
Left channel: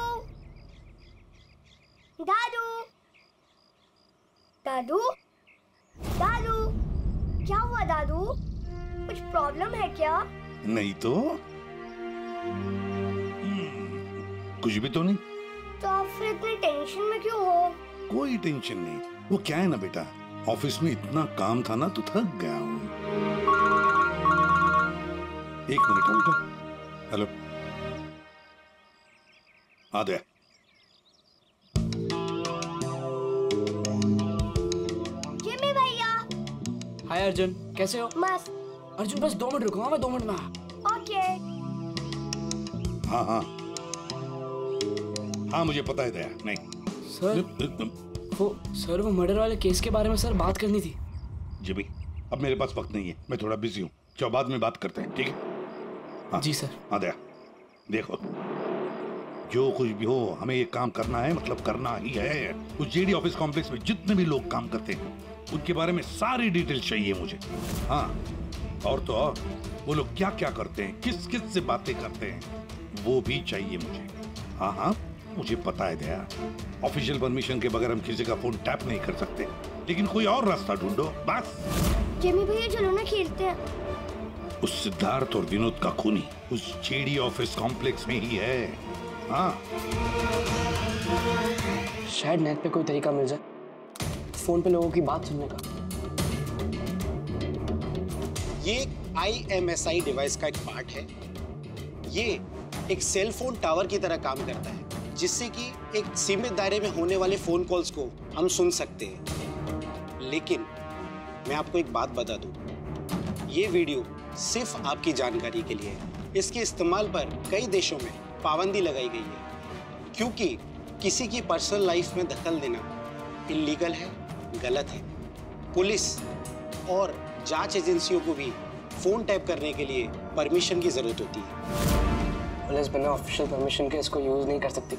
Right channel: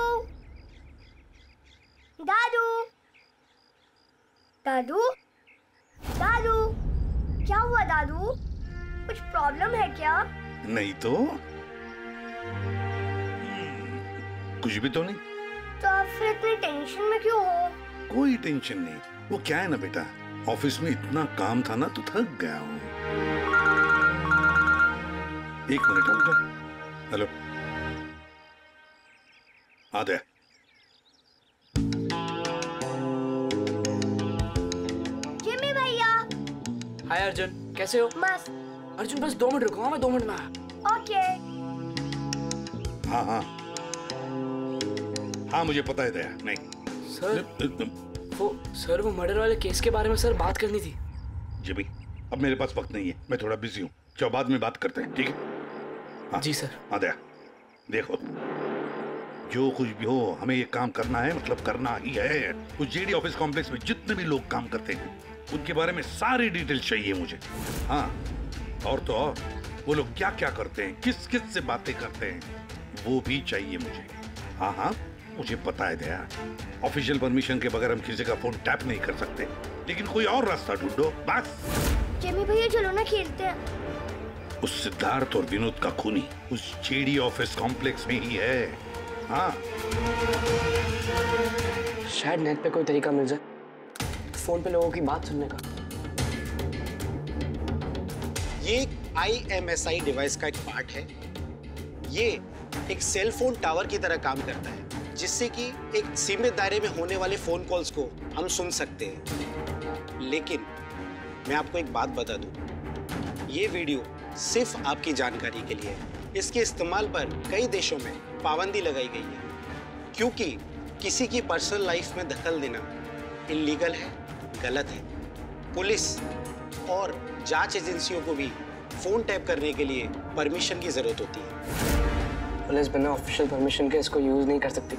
दादू, दादू, दादू, क्या हुआ दादू? कुछ प्रॉब्लम है क्या? नहीं तो कुछ भी तो नहीं। तो आप फिर इतनी टेंशन में क्यों हो? कोई टेंशन नहीं। वो क्या है ना बेटा, ऑफिस में इतना काम था ना तो थक गया हूँ। एक मिनट बेटा। हेलो, आ गया। जिमी भैया। हाय अर्जुन, कैसे हो? मस्त। अर्जुन बस 2 मिनट रुको, मैं 2 मिनट में आया। ओके। हाँ हाँ हाँ, मुझे पता है दया। नहीं सर वो मर्डर वाले केस के बारे में सर बात करनी थी। जिमी, अब मेरे पास वक्त नहीं है, मैं थोड़ा बिजी हूँ। चलो बाद में बात करते हैं, ठीक है? हाँ। जी सर। हाँ दया, देखो, जो कुछ भी हो हमें ये काम करना है, मतलब करना ही है। उस जेडी ऑफिस कॉम्प्लेक्स में जितने भी लोग काम करते हैं उनके बारे में सारी डिटेल चाहिए मुझे। हाँ, और तो और वो लोग क्या क्या करते हैं, किस किस से बातें करते हैं, वो भी चाहिए मुझे। हाँ हाँ, मुझे पता है दया, ऑफिशियल परमिशन के बगैर हम किसी का फोन टैप नहीं कर सकते, लेकिन कोई और रास्ता ढूंढो बस। जिमी भैया चलो ना खेलते हैं। उस सिद्धार्थ और विनोद का खूनी उस जेडी ऑफिस कॉम्प्लेक्स में ही है। हाँ, शायद नेट पे कोई तरीका मिल जाए फोन पे लोगों की बात सुनने का। ये IMSI डिवाइस का एक पार्ट है। ये एक सेल फोन टावर की तरह काम करता है, जिससे कि एक सीमित दायरे में होने वाले फोन कॉल्स को हम सुन सकते हैं। लेकिन मैं आपको एक बात बता दूं, ये वीडियो सिर्फ आपकी जानकारी के लिए है। इसके इस्तेमाल पर कई देशों में पाबंदी लगाई गई है, क्योंकि किसी की पर्सनल लाइफ में दखल देना इल्लीगल है, गलत है। पुलिस और जांच एजेंसियों को भी फोन टैप करने के लिए परमिशन की जरूरत होती है। पुलिस बिना ऑफिशियल परमिशन के इसको यूज नहीं कर सकती,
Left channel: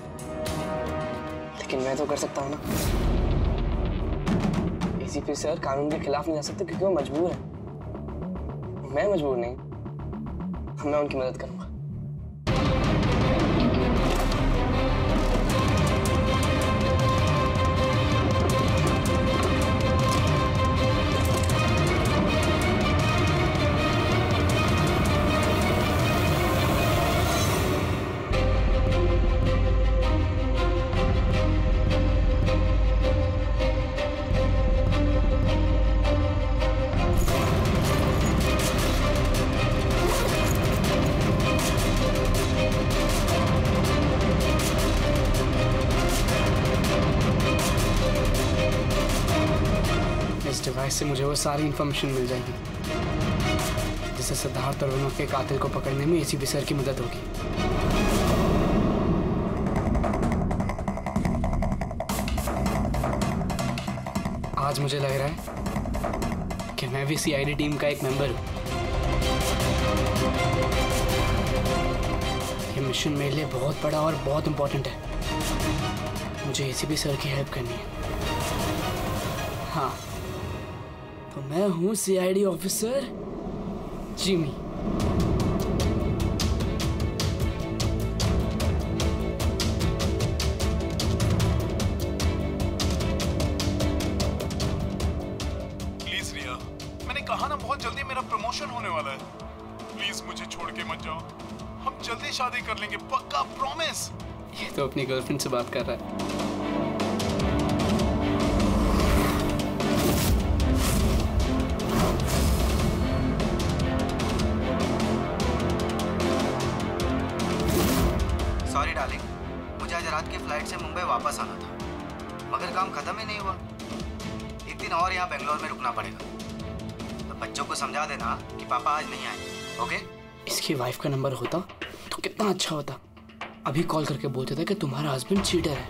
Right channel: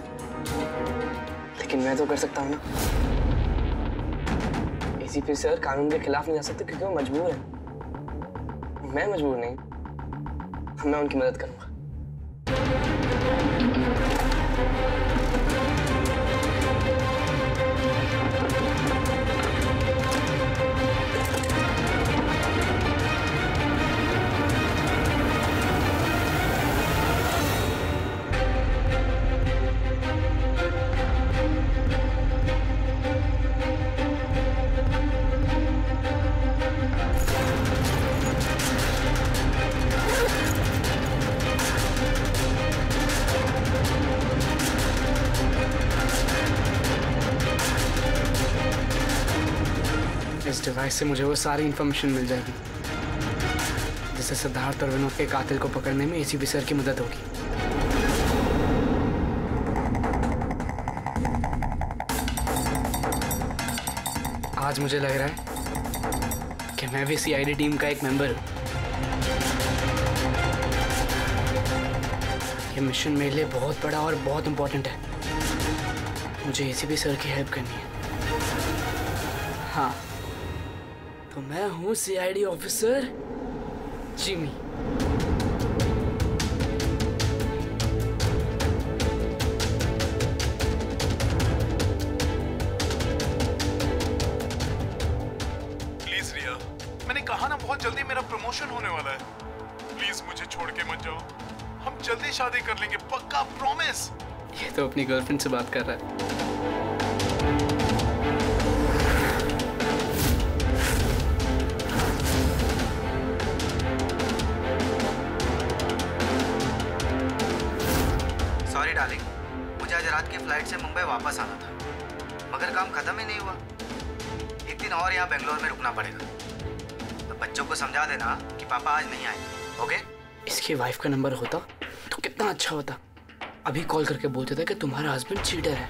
लेकिन मैं तो कर सकता हूँ ना। ACP सर कानून के खिलाफ नहीं जा सकते क्योंकि वो मजबूर है। मैं मजबूर नहीं, मैं उनकी मदद करूंगा। इस डिवाइस से मुझे वो सारी इंफॉर्मेशन मिल जाएगी जिससे सिद्धार्थ और विनोद के कातिल को पकड़ने में ACP सर की मदद होगी। आज मुझे लग रहा है कि मैं भी CID टीम का एक मेंबर हूं। ये मिशन मेरे लिए बहुत बड़ा और बहुत इंपॉर्टेंट है। मुझे ACP सर की हेल्प करनी है। हाँ, तो मैं हूँ CID ऑफिसर जिमी। प्लीज रिया, मैंने कहा ना बहुत जल्दी मेरा प्रमोशन होने वाला है। प्लीज मुझे छोड़ के मत जाओ, हम जल्दी शादी कर लेंगे, पक्का, प्रॉमिस। ये तो अपनी गर्लफ्रेंड से बात कर रहा है। सॉरी डार्लिंग, मुझे आज रात की फ्लाइट से मुंबई वापस आना था, मगर काम खत्म ही नहीं हुआ। एक दिन और यहाँ बेंगलोर में रुकना पड़ेगा, तो बच्चों को समझा देना कि पापा आज नहीं आएंगे, ओके? इसकी वाइफ का नंबर होता तो कितना अच्छा होता। अभी कॉल करके बोलते थे कि तुम्हारा हस्बैंड चीटर है।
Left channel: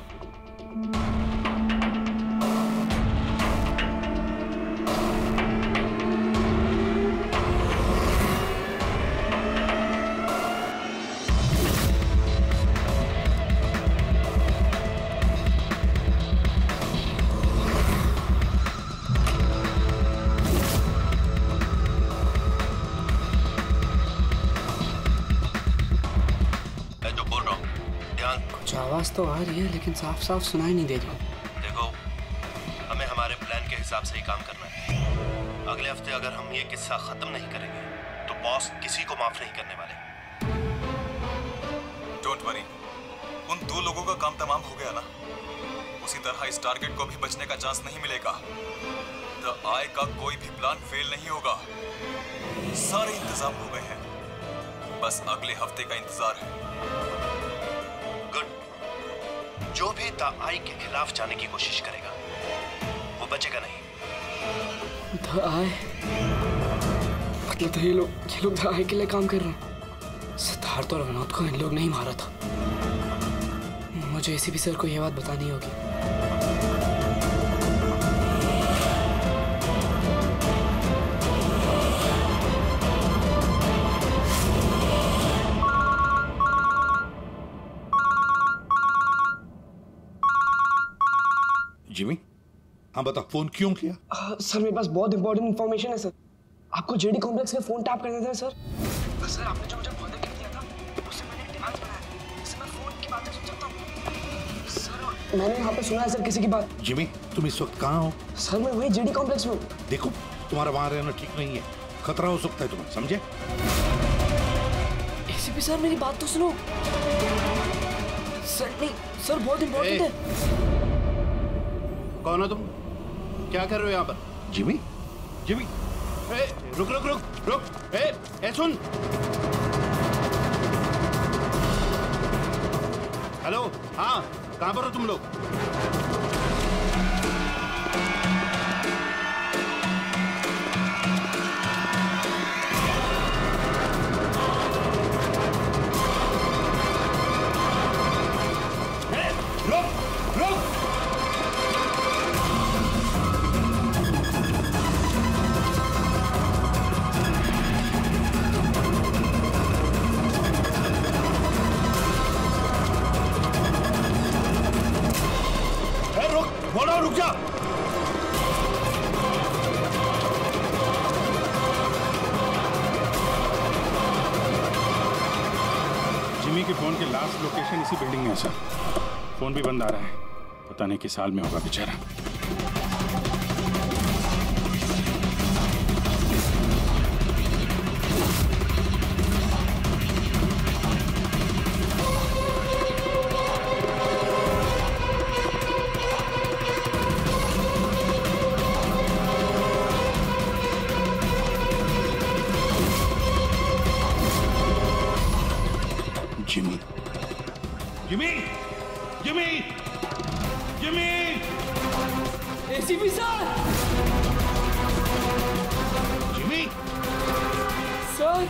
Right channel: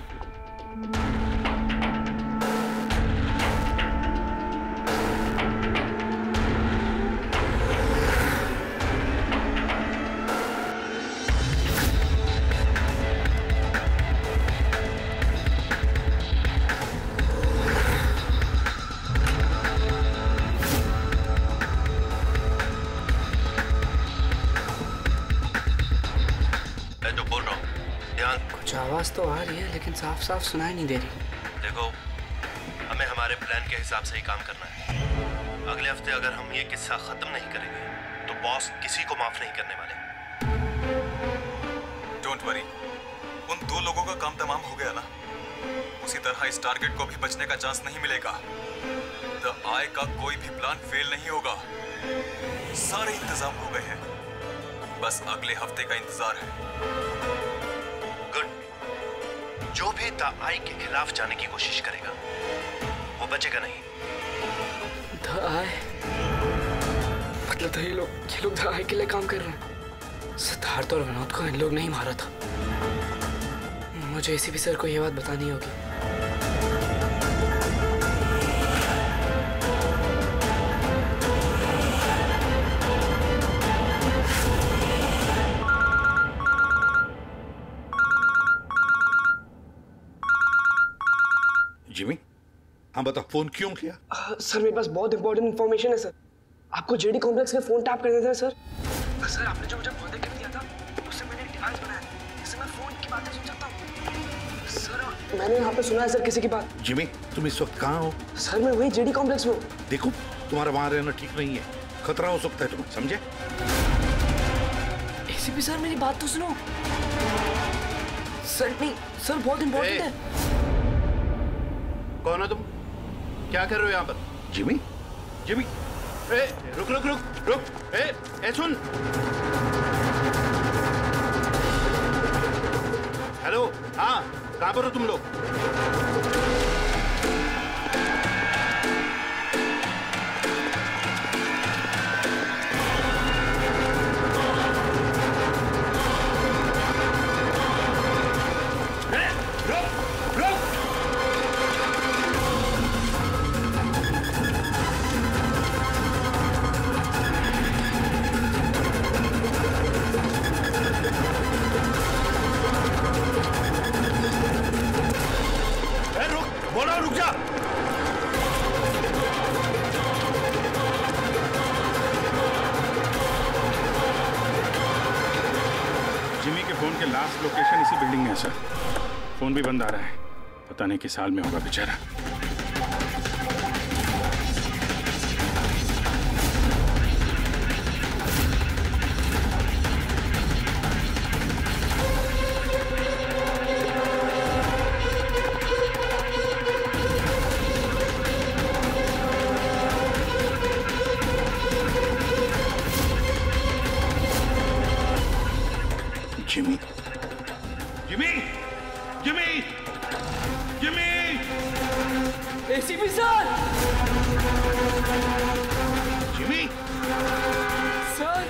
कुछ आवाज तो आ रही है लेकिन साफ साफ सुनाई नहीं दे रही। देखो, हमें हमारे प्लान के हिसाब से ही काम करना है। अगले हफ्ते अगर हम ये किस्सा खत्म नहीं करेंगे तो बॉस किसी को माफ नहीं करने वाले। डोंट वरी, उन दो लोगों का काम तमाम हो गया ना। उसी तरह इस टारगेट को भी बचने का चांस नहीं मिलेगा। द आई का कोई भी प्लान फेल नहीं होगा। सारे इंतजाम हो गए हैं, बस अगले हफ्ते का इंतजार है। जो भी द आई के खिलाफ जाने की कोशिश करेगा वो बचेगा नहीं। द आई मतलब तो ये लोग द आई के लिए काम कर रहे हैं। सिद्धार्थ और विनोद को इन लोग नहीं मारा था। मुझे ACP सर को ये बात बतानी होगी। जिमी, हाँ बताओ, फोन क्यों किया? सर मेरे पास बहुत इंपॉर्टेंट इन्फॉर्मेशन है सर। आपको जेडी कॉम्प्लेक्स में फोन टैप करने थे सर। सर आपने जो मुझे बर्थडे गिफ्ट दिया था उससे मैंने एक डिवाइस बनाया जिससे मैं फोन की बातें सुन सकता हूँ। सर मैंने यहाँ पे सुना है सर किसी की बात। जिमी, तुम इस वक्त कहाँ हो? सर मैं वही जेडी कॉम्प्लेक्स में हूँ। देखो, तुम्हारा वहां रहना ठीक नहीं है, खतरा हो सकता है तुम्हें, समझे? एसीपी सर मेरी बात तो सुनो। सर नहीं सर, बहुत इंपॉर्टेंट है। कौन हो तुम? क्या कर रहे हो यहाँ पर? जिमी, जिमी, रुक रुक रुक रुक, ए सुन। हेलो, हाँ, कहाँ पर हो तुम लोग? रुक रुक। बोलो, रुक जा। जिमी के फोन के लास्ट लोकेशन इसी बिल्डिंग में है सर। फोन भी बंद आ रहा है, पता नहीं किस हाल में होगा बेचारा। Jimmy, Jimmy, Jimmy, Jimmy, ACP sir. Jimmy, sir.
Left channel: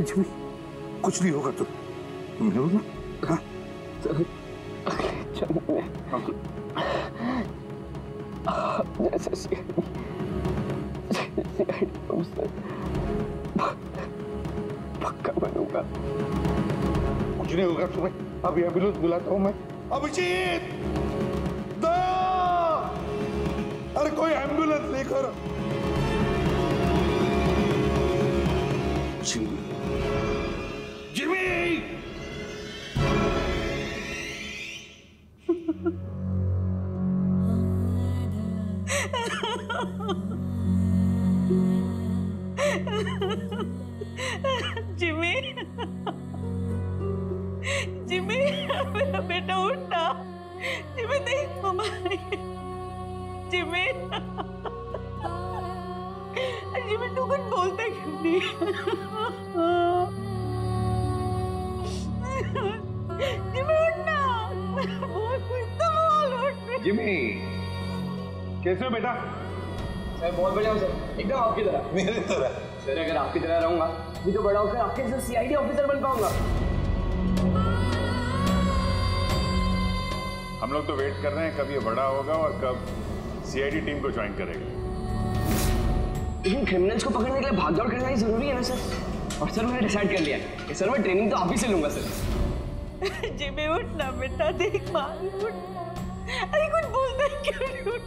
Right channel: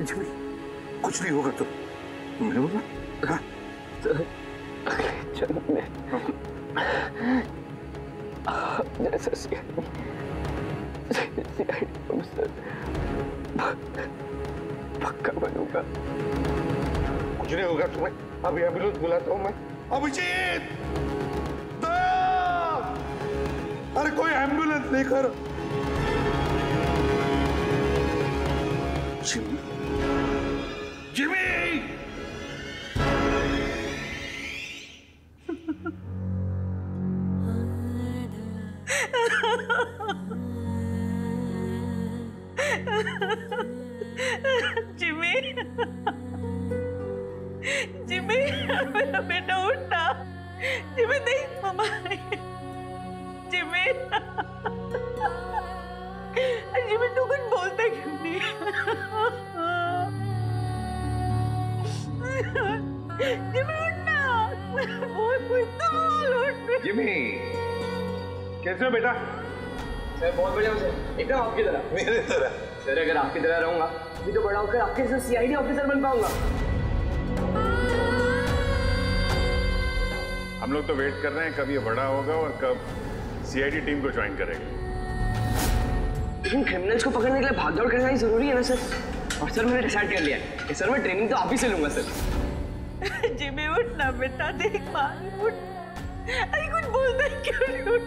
Jimmy, कुछ नहीं होगा तुम ना? हाँ? जन्म में जैसा सीआईडी ऑफिसर पक्का बनूंगा। कुछ नहीं होगा तुम्हें, अभी एम्बुलेंस बुलाता हूँ मैं। अभिजीत, अरे कोई एम्बुलेंस लेकर। जिमी, जिमी, जिमी, जिमी, मेरा बेटा उठना। जिमी नहीं, मम्मा जिमी, जिमी तू कुछ बोलता क्यों नहीं? जिमी उठना, बोल कुछ तो बोल, उठ। जिमी, कैसे हो बेटा? सर बहुत बढ़िया हूँ सर, एकदम आपकी तरह। मेरी तरह? सर अगर आपकी तरह रहूंगा भी तो बड़ा होकर आपके जैसे सीआईडी ऑफिसर बन पाऊंगा। हम लोग तो वेट कर रहे हैं कब ये बड़ा होगा और कब सीआईडी टीम को ज्वाइन करेगा। लेकिन क्रिमिनल्स को पकड़ने के लिए भागदौड़ करना ही जरूरी है ना सर। और सर मैंने डिसाइड कर लिया है कि सर मैं ट्रेनिंग तो आप ही से लूंगा सर। जिमी उठना बेटा, देख मार उठ। अरे कुछ बोलता है क्यों नहीं? उठ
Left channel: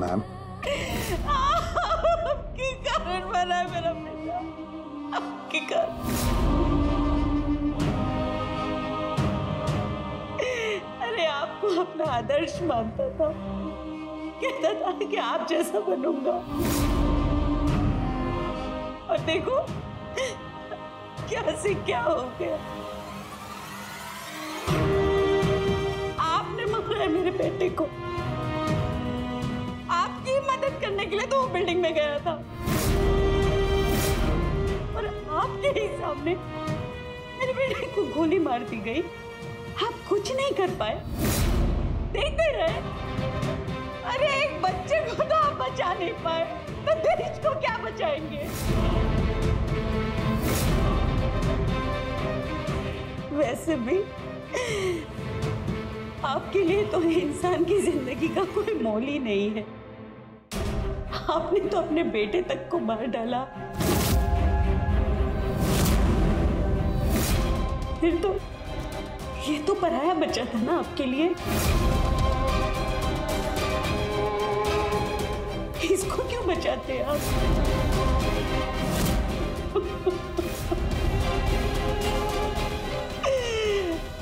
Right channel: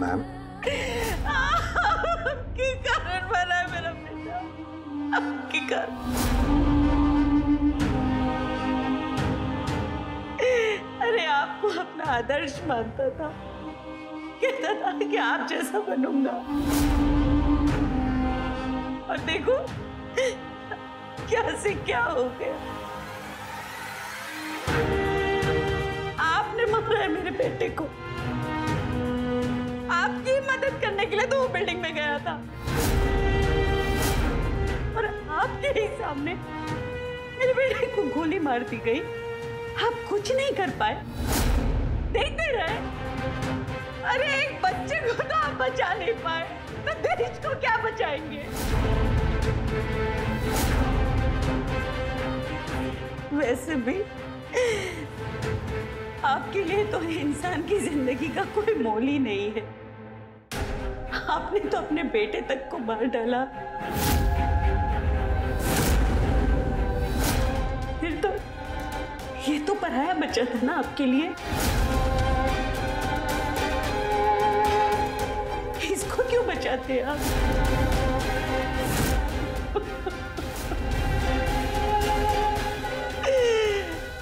मैम, आपके कारण मरा है मेरा बेटा, आपके कारण। अरे आपको अपना आदर्श मानता था, कहता था कि आप जैसा बनूंगा, और देखो क्या से क्या हो गया। आपने मारा है मेरे बेटे को। आपकी मदद करने के लिए तो वो बिल्डिंग में गया था, और आपके ही सामने मेरे बेटे को गोली मार दी गई। आप कुछ नहीं कर पाए। देखते रहे। अरे एक बच्चे को तो आप बचा नहीं पाए, तो देश को क्या बचाएंगे? वैसे भी आपके लिए तो इंसान की जिंदगी का कोई मोल ही नहीं है। आपने तो अपने बेटे तक को मार डाला। फिर तो ये तो पराया बच्चा था ना आपके लिए। इसको क्यों बचाते आप?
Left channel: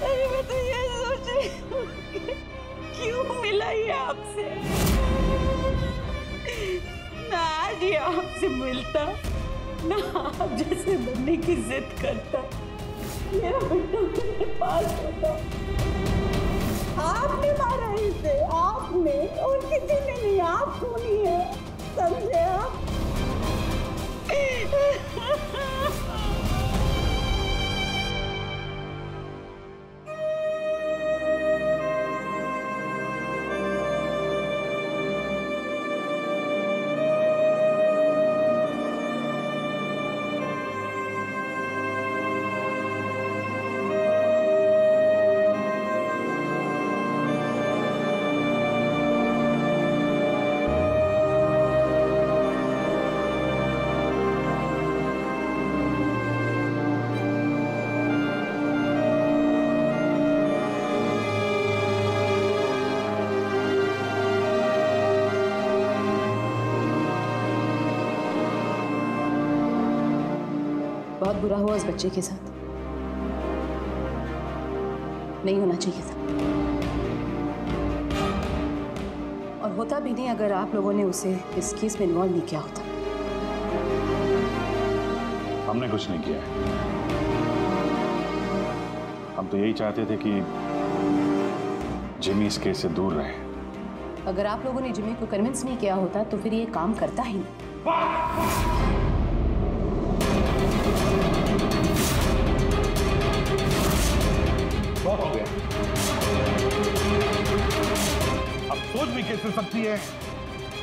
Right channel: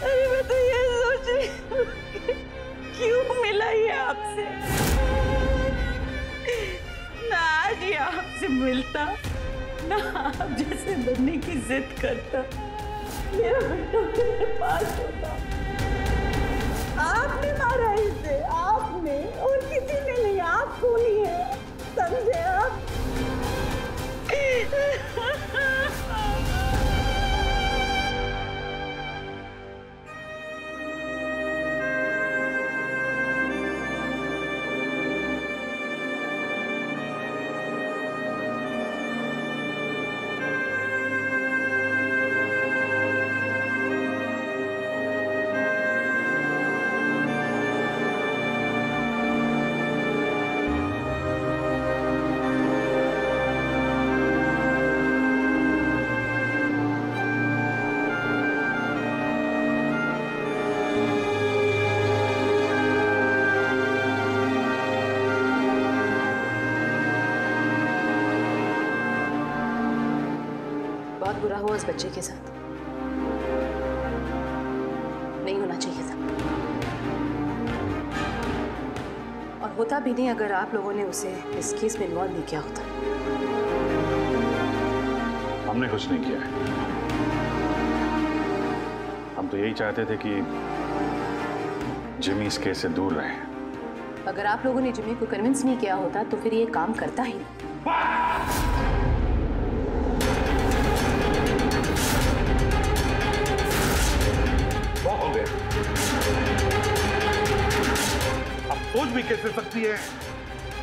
अरे मैं तो ये सोच रही हूँ कि क्यों मिला ये आपसे। ना आज ये आपसे मिलता, ना आप जैसे बनने की जिद करता, मेरा बेटा मेरे पास होता। आपने मारा इसे, आपने, और किसी ने नहीं। आप कौन ही है, समझे आप? बहुत बुरा हुआ उस बच्चे के साथ, नहीं होना चाहिए था। और होता भी नहीं अगर आप लोगों ने उसे इस केस में इन्वॉल्व नहीं किया होता। हमने कुछ नहीं किया है। हम तो यही चाहते थे कि जिमी इस केस से दूर रहे। अगर आप लोगों ने जिमी को कन्विंस नहीं किया होता तो फिर ये काम करता ही नहीं। बहुत हो गया। अब सोच भी कैसे सकती है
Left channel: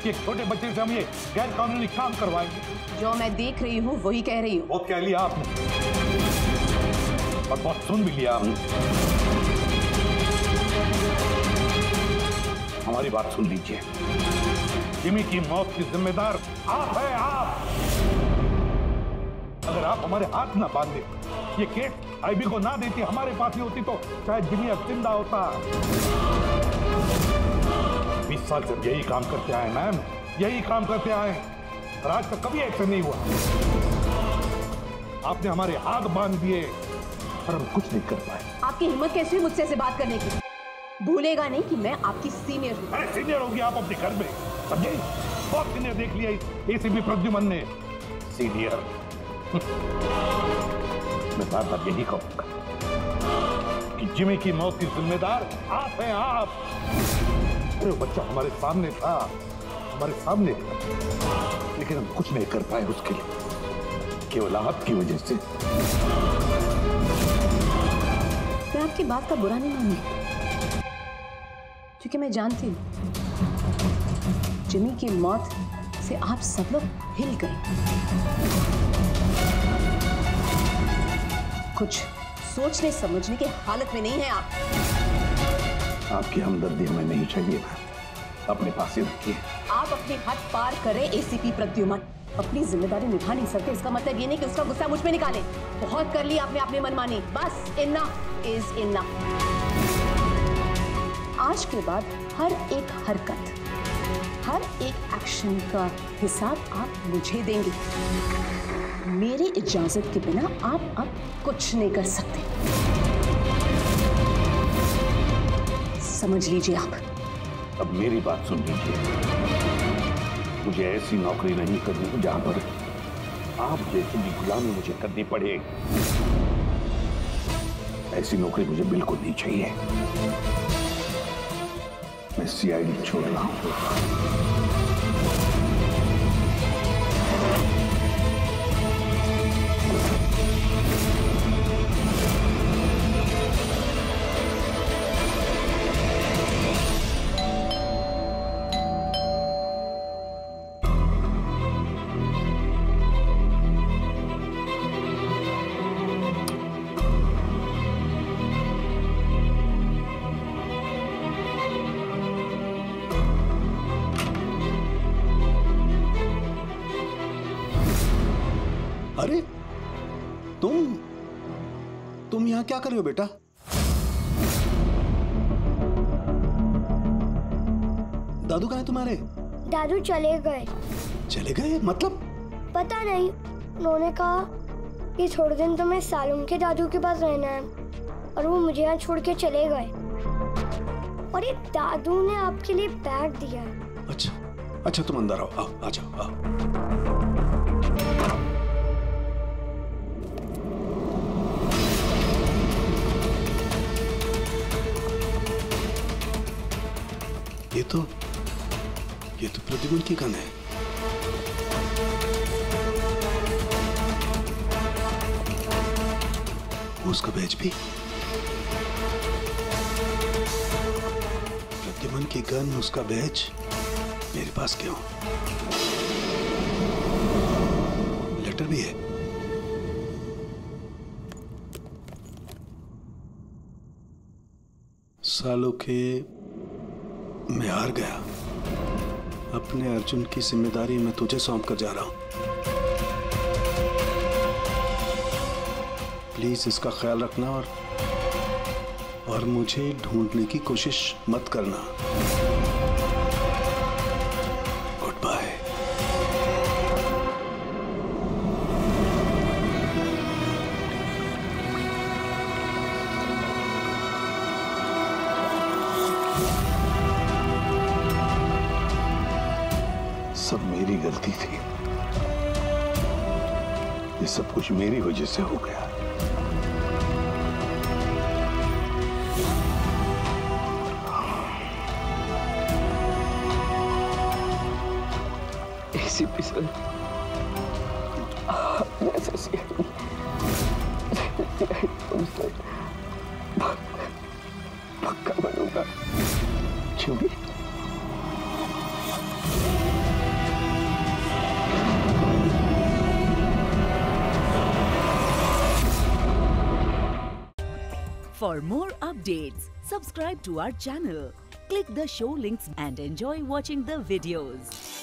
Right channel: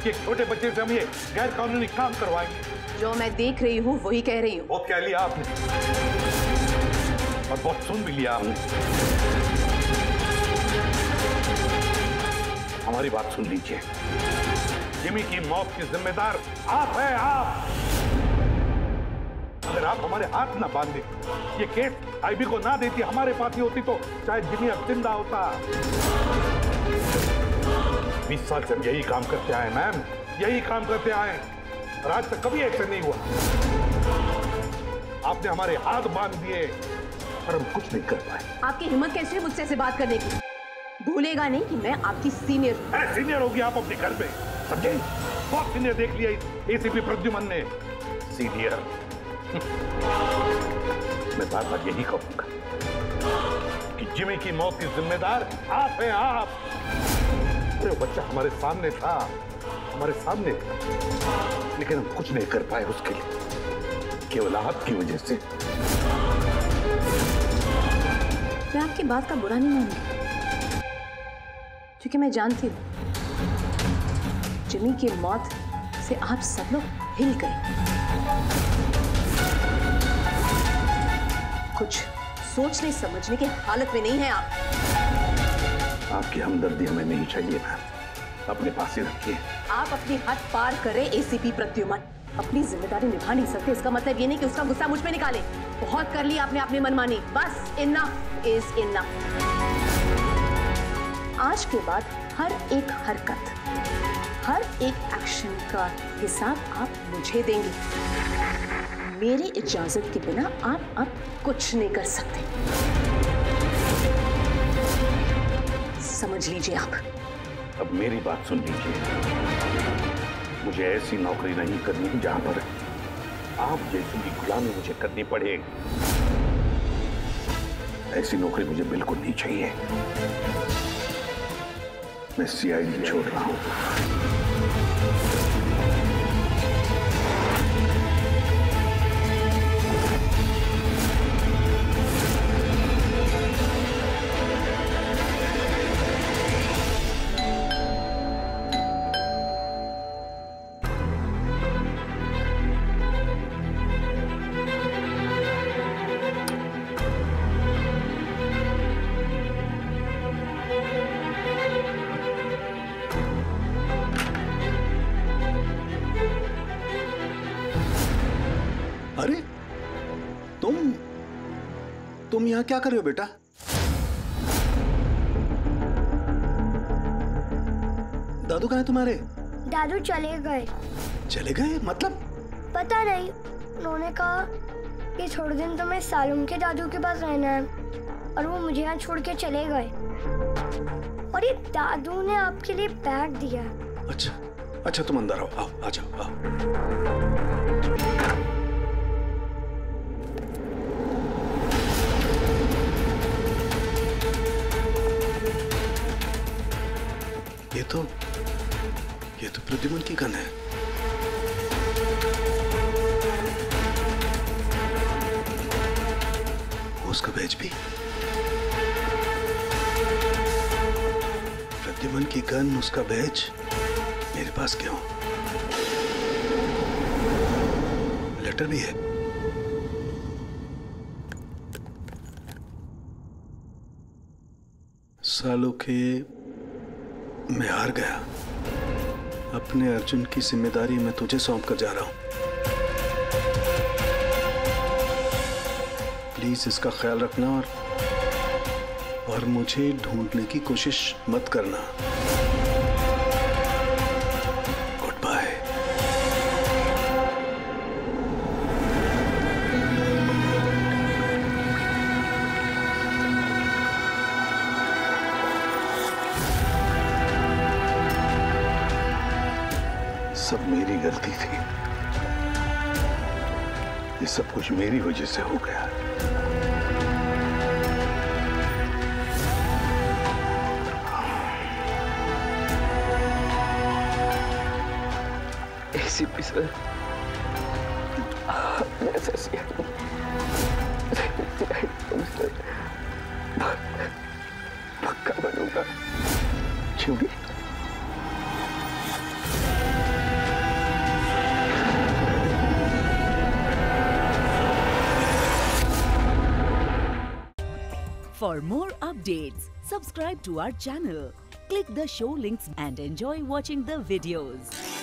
कि एक छोटे बच्चे से हम ये गैर कानूनी काम करवाएंगे? जो मैं देख रही हूँ वही कह रही हूँ। बहुत कह लिया आपने और बहुत सुन भी लिया आपने। हमारी बात सुन लीजिए। जिमी की मौत की जिम्मेदार आप हैं, आप। अगर आप हमारे हाथ ना बांधे, ये केस आईबी को ना देती, हमारे पास ही होती, तो शायद जिमी अब जिंदा होता। 20 साल से हम यही काम करते आए मैम, यही काम करते आए और आज तक कभी ऐसे नहीं हुआ। आपने हमारे हाथ बांध दिए और हम कुछ नहीं कर पाए। आपकी हिम्मत कैसी है मुझसे ऐसे बात करने की? भूलेगा नहीं कि मैं आपकी सीनियर हूँ। अरे सीनियर होगी आप अपने घर में, समझे? बहुत सीनियर देख लिया इस एसीपी प्रद्युमन ने। सीनियर मैं बार बार यही कहूंगा कि जिमी की मौत की जिम्मेदार आप हैं, आप। अरे वो बच्चा हमारे सामने था, हमारे सामने था, लेकिन हम कुछ नहीं कर पाए उसके लिए, केवल आपकी वजह से। मैं आपकी बात का बुरा नहीं मानूंगी, क्योंकि मैं जानती हूँ जिमी की मौत से आप सब लोग हिल गए। कुछ सोचने समझने की हालत में नहीं है आप। आपकी हमदर्दी हमें नहीं चाहिए मैम, अपने पास ही रखिए। आप अपनी हद पार करें एसीपी प्रद्युमन। अपनी जिम्मेदारी निभा नहीं सकते, इसका मतलब ये नहीं कि उसका गुस्सा मुझ पे निकाले। बहुत कर लिया आपने अपनी मनमानी, बस इनफ इज इनफ। आज के बाद हर एक हरकत, हर एक एक्शन का हिसाब आप मुझे देंगे। मेरी इजाजत के बिना आप अब कुछ नहीं कर सकते, समझ लीजिए आप। अब मेरी बात सुन लीजिए। मुझे ऐसी नौकरी नहीं करनी जहां पर आप जैसी भी गुलामी मुझे करनी पड़े। ऐसी नौकरी मुझे बिल्कुल नहीं चाहिए। मैं सीआईडी छोड़ रहा हूं। तुम यहाँ क्या कर रहे हो बेटा? दादू कहाँ है तुम्हारे? दादू चले गए। चले गए मतलब? पता नहीं, उन्होंने कहा कि थोड़े दिन तुम्हें सालुम के दादू के पास रहना है और वो मुझे यहाँ छोड़ के चले गए। और ये दादू ने आपके लिए बैग दिया। अच्छा अच्छा, तुम अंदर आओ, आओ आ जाओ, आओ। ये तो प्रद्युमन की गन है। उसका बैज भी। प्रद्युमन की गन, उसका बैज मेरे पास क्यों? लेटर भी है। सालों के मैं हार गया। अपने अर्जुन की जिम्मेदारी मैं तुझे सौंप कर जा रहा हूं। प्लीज इसका ख्याल रखना और मुझे ढूंढने की कोशिश मत करना। Good bye. सब मेरी गलती थी। ये सब कुछ मेरी वजह से हो गया। एसीपी सर, ऐसा पक्का बनूंगा। क्योंकि For more updates, subscribe to our channel, click the show links and enjoy watching the videos.